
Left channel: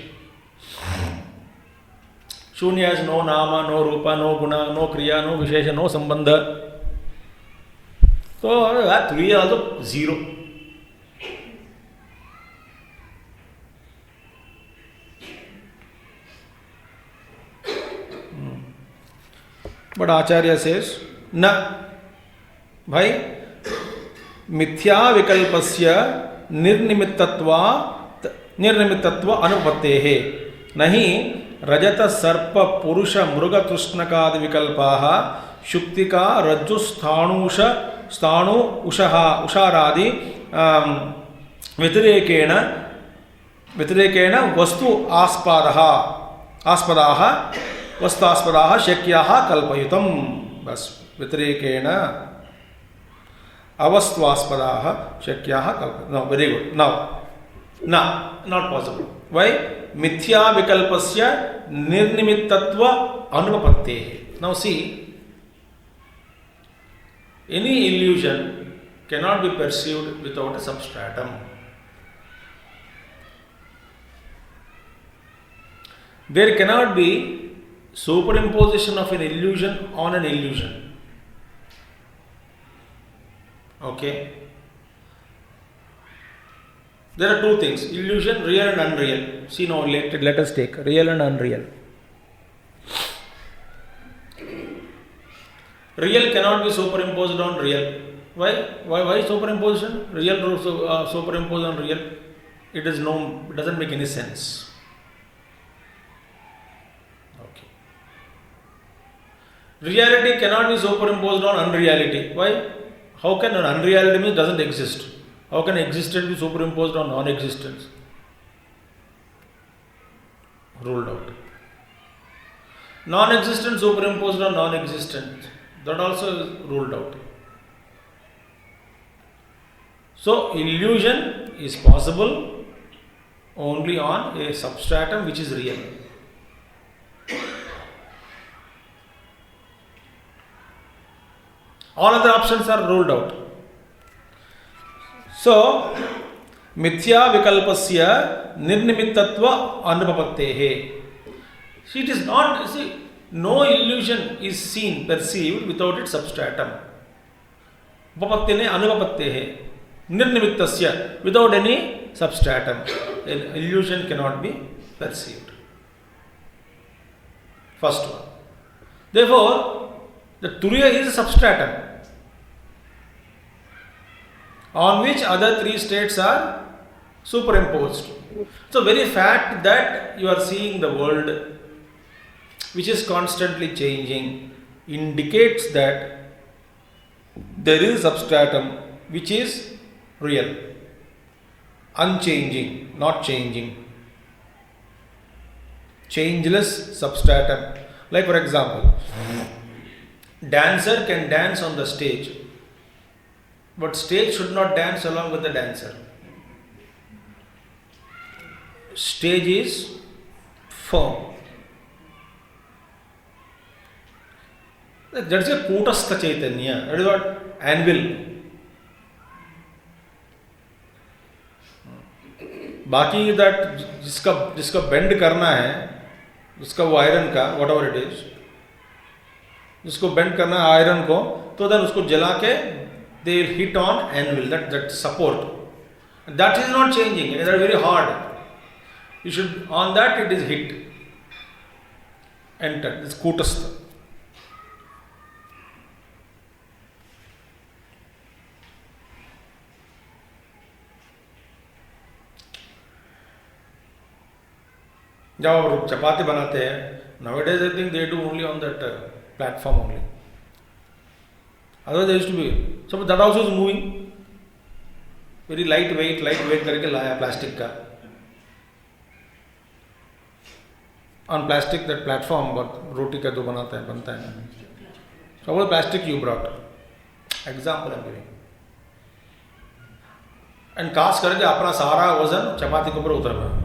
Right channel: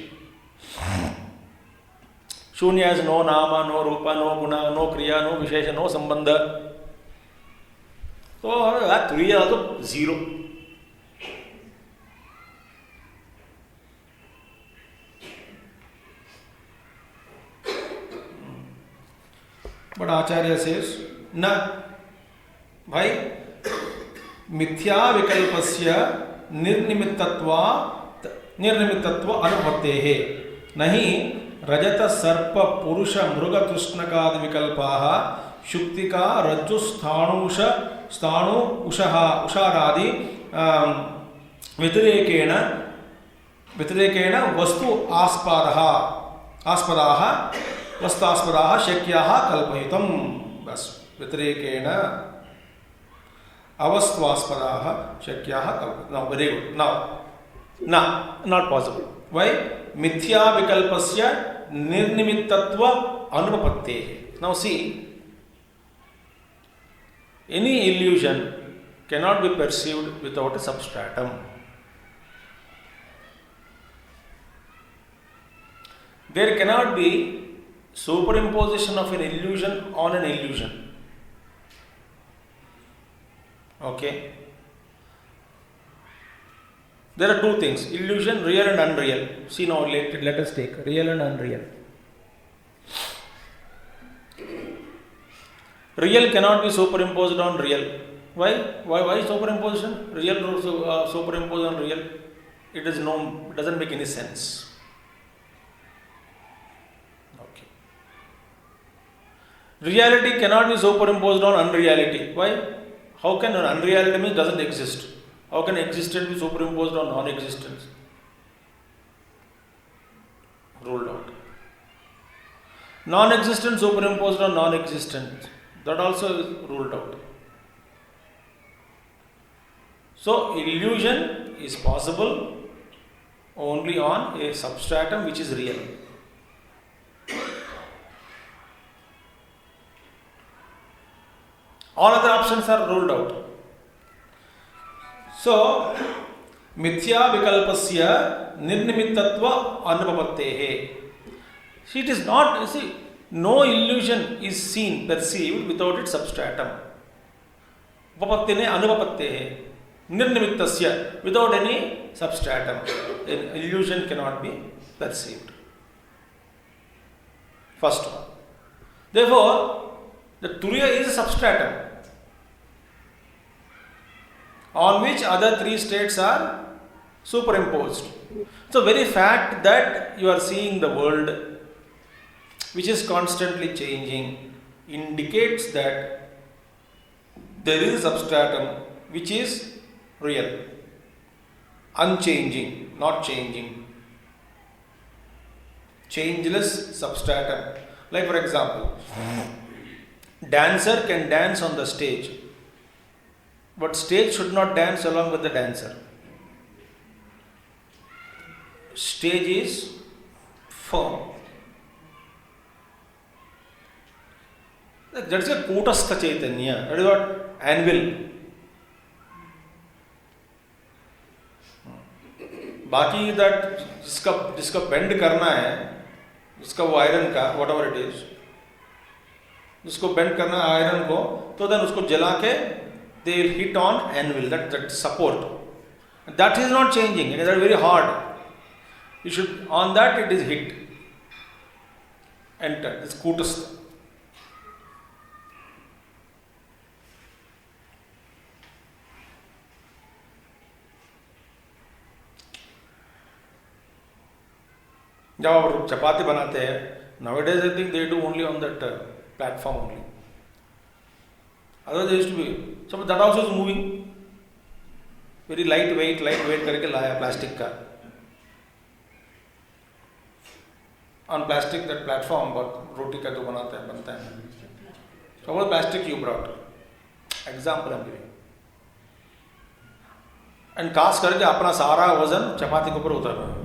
Shunya has no nama, no rupa, no guna, no kriya, no vishesha, no sambandha. So that Turiya also zero. But Acharya says, na, bhai, mithya vikalpasya nirnimittatva anupattehe. Nahi rajata sarpa purusha mruga krishnakad vikalpaha shuktika rajju sthanu usharadi vitirekena vastu aspadaha vastaspadaha shakyaha kalpayitam. Bas, vitirekena avastvaspadaha shakyaha kalpayitam. No, very good. Now, not possible. Why? Mithya vikalpasya nirnimittatva anupapattehe. Now see, any illusion cannot be perceived without a substratum. There cannot be superimposition of an illusion on an illusion. Okay? There are two things, illusion, real and unreal. See now, let us take real and unreal. Real cannot be superimposed on real. Why? Why superimposition? Real superimposed on real. It doesn't make any sense. Okay. Reality cannot be superimposed on unreality. Why? How can an unreality mean doesn't exist? How can existence be superimposed on non-existence? Ruled out. Non-existent superimposed on non-existent. That also is ruled out. So illusion is possible only on a substratum which is real. All other options are ruled out. So, mithya vikalpasya nirnimittatva anupapattehe. See, it is not, see, no illusion is seen, perceived without its substratum. Upapattene anupapattehe. Nirnimittasya, without any substratum. An illusion cannot be perceived. First one. Therefore, the Turiya is a substratum on which other three states are superimposed. So, very fact that you are seeing the world which is constantly changing indicates that there is a substratum which is real, unchanging, not changing, changeless substratum. Like for example, dancer can dance on the stage, but stage should not dance along with the dancer. Stage is firm. That's a kutastha chaitanya. That is what? Anvil. बाकी that जिसका bend करना है, जिसका वो iron का whatever it is, जिसको bend करना है आयरन को, तो then उसको जला के they will hit on anvil, that support. That is not changing. That is very hard. You should, on that it is hit. Enter. It's kutastha. जब आप चपाती बनाते हैं, nowadays I think they do only on that platform only. Otherwise there used to be, so that also is moving. Very lightweight करके लाया plastic का. On plastic that platform, but roti का जो बनता है. So what plastic you brought? Example I am giving. And cast करके अपना सारा वजन चपाती के ऊपर उतारना.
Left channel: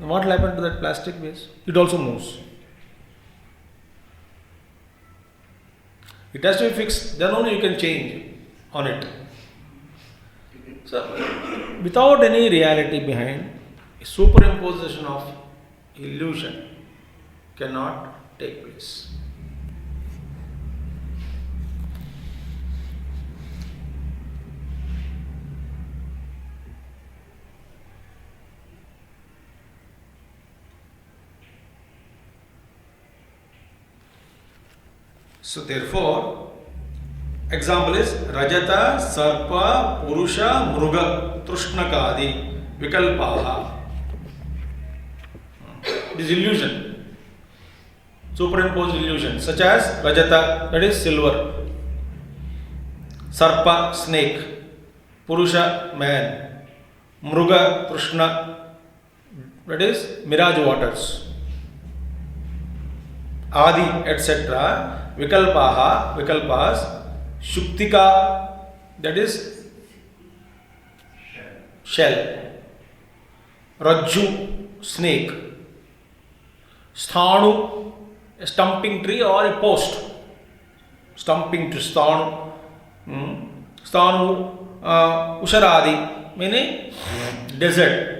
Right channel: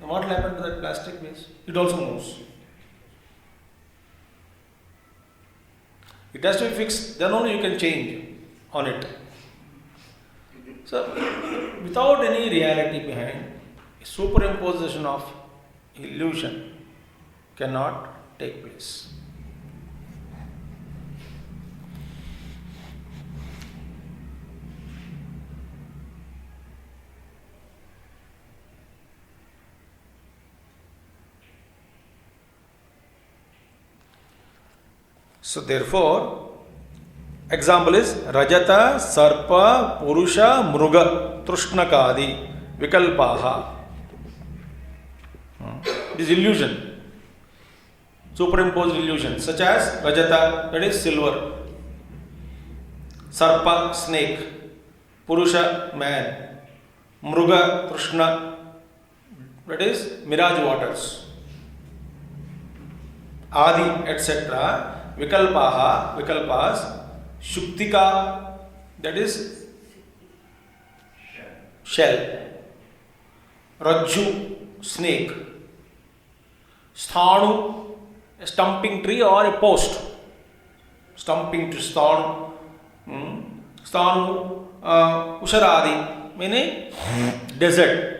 What will happen to that plastic base? It also moves. It has to be fixed, then only you can change on it. So, without any reality behind, superimposition of illusion cannot take place. So therefore, example is Rajata, Sarpa, Purusha, Mruga, Trushnakadi, Vikalpaha. This illusion, superimposed illusion, such as Rajata, that is silver, Sarpa, snake, Purusha, man, Mruga, Trushna, that is mirage waters, Adi, etc. Vikalpas, Shuktika, that is shell, Rajju, snake, Sthanu, a stumping tree or a post, stumping to Sthanu, Sthanu, Usharadi, meaning desert.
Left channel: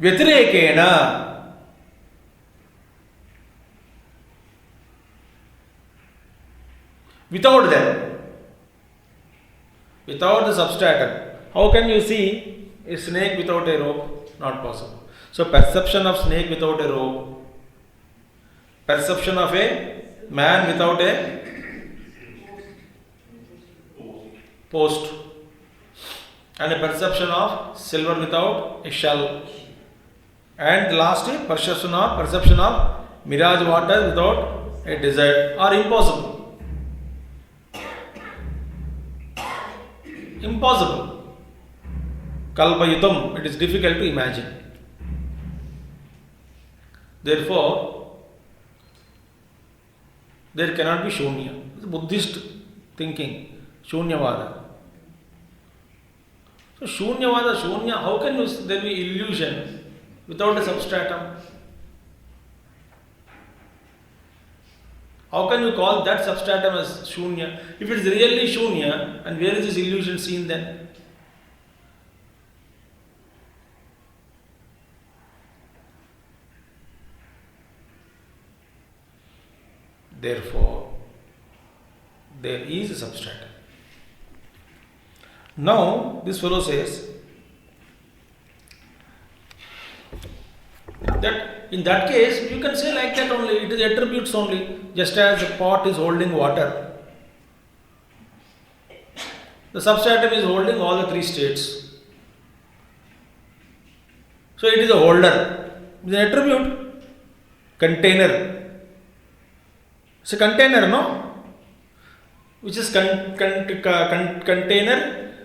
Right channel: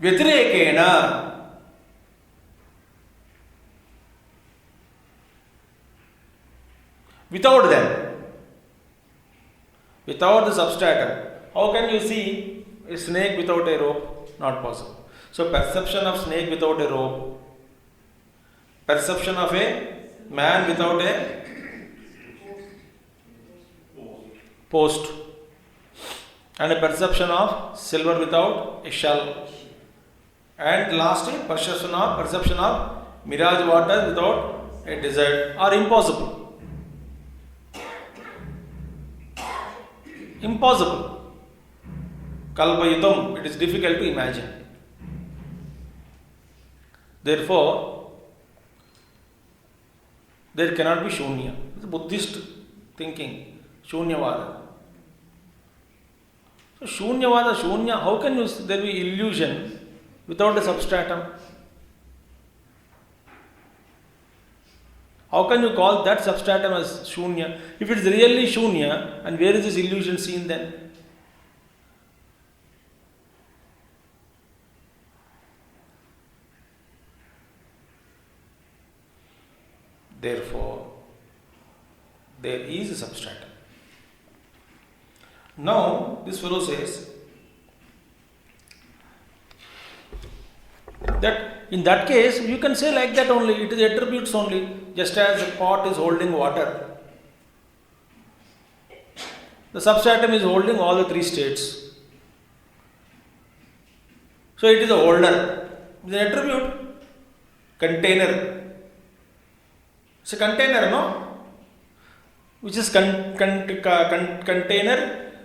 Vyatirekena, without them, without the substratum, how can you see a snake without a rope? Not possible. So perception of snake without a rope, perception of a man without a post, and a perception of silver without a shell, and lastly perception of mirage water without a desert are impossible. Impossible. Kalpayitam, it is difficult to imagine. Therefore, There cannot be Shunya. It's Buddhist thinking, Shunyavada. So Shunyavada, Shunya, how can there be illusion without a substratum? How can you call that substratum as Shunya? If it is really Shunya, and where is this illusion seen then? Therefore, there is a substratum. Now, this fellow says that in that case, you can say like that only, it is attributes only, just as a pot is holding water. The substratum is holding all the three states. So it is a holder, it is an attribute, container. It's a container, no? Which is container,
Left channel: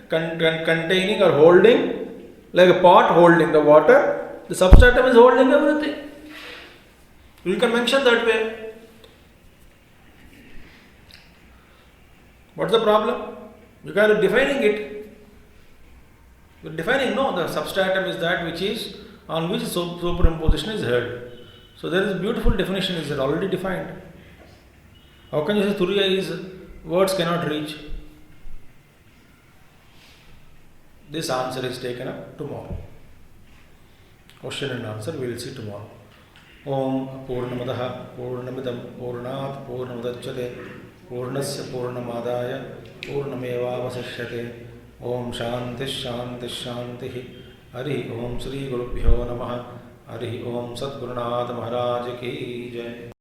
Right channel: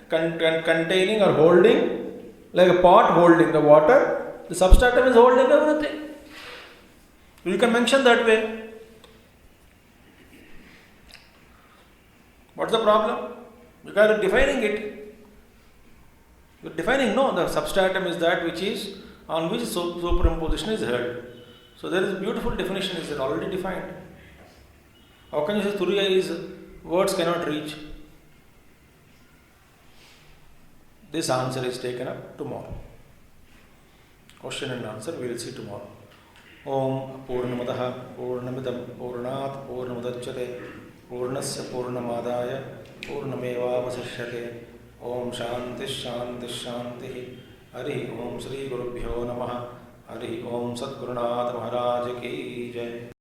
containing or holding, like a pot holding the water. The substratum is holding everything. You can mention that way. What's the problem? You are defining it. You are defining, no, the substratum is that which is, on which superimposition is held. So there is a beautiful definition, is already defined. How can you say Turiya is, words cannot reach? This answer is taken up tomorrow. Question and answer we will see tomorrow. Om Purnamadaha Purnamidam Purnat Purnamudachyate Purnasya Purnamadaya Purnameva Vasishyate. Om Shanti Shanti Shanti. Hari Om Sri Gurubhyo Namaha. Hari Om Satgurunath Maharaj Ki Jai.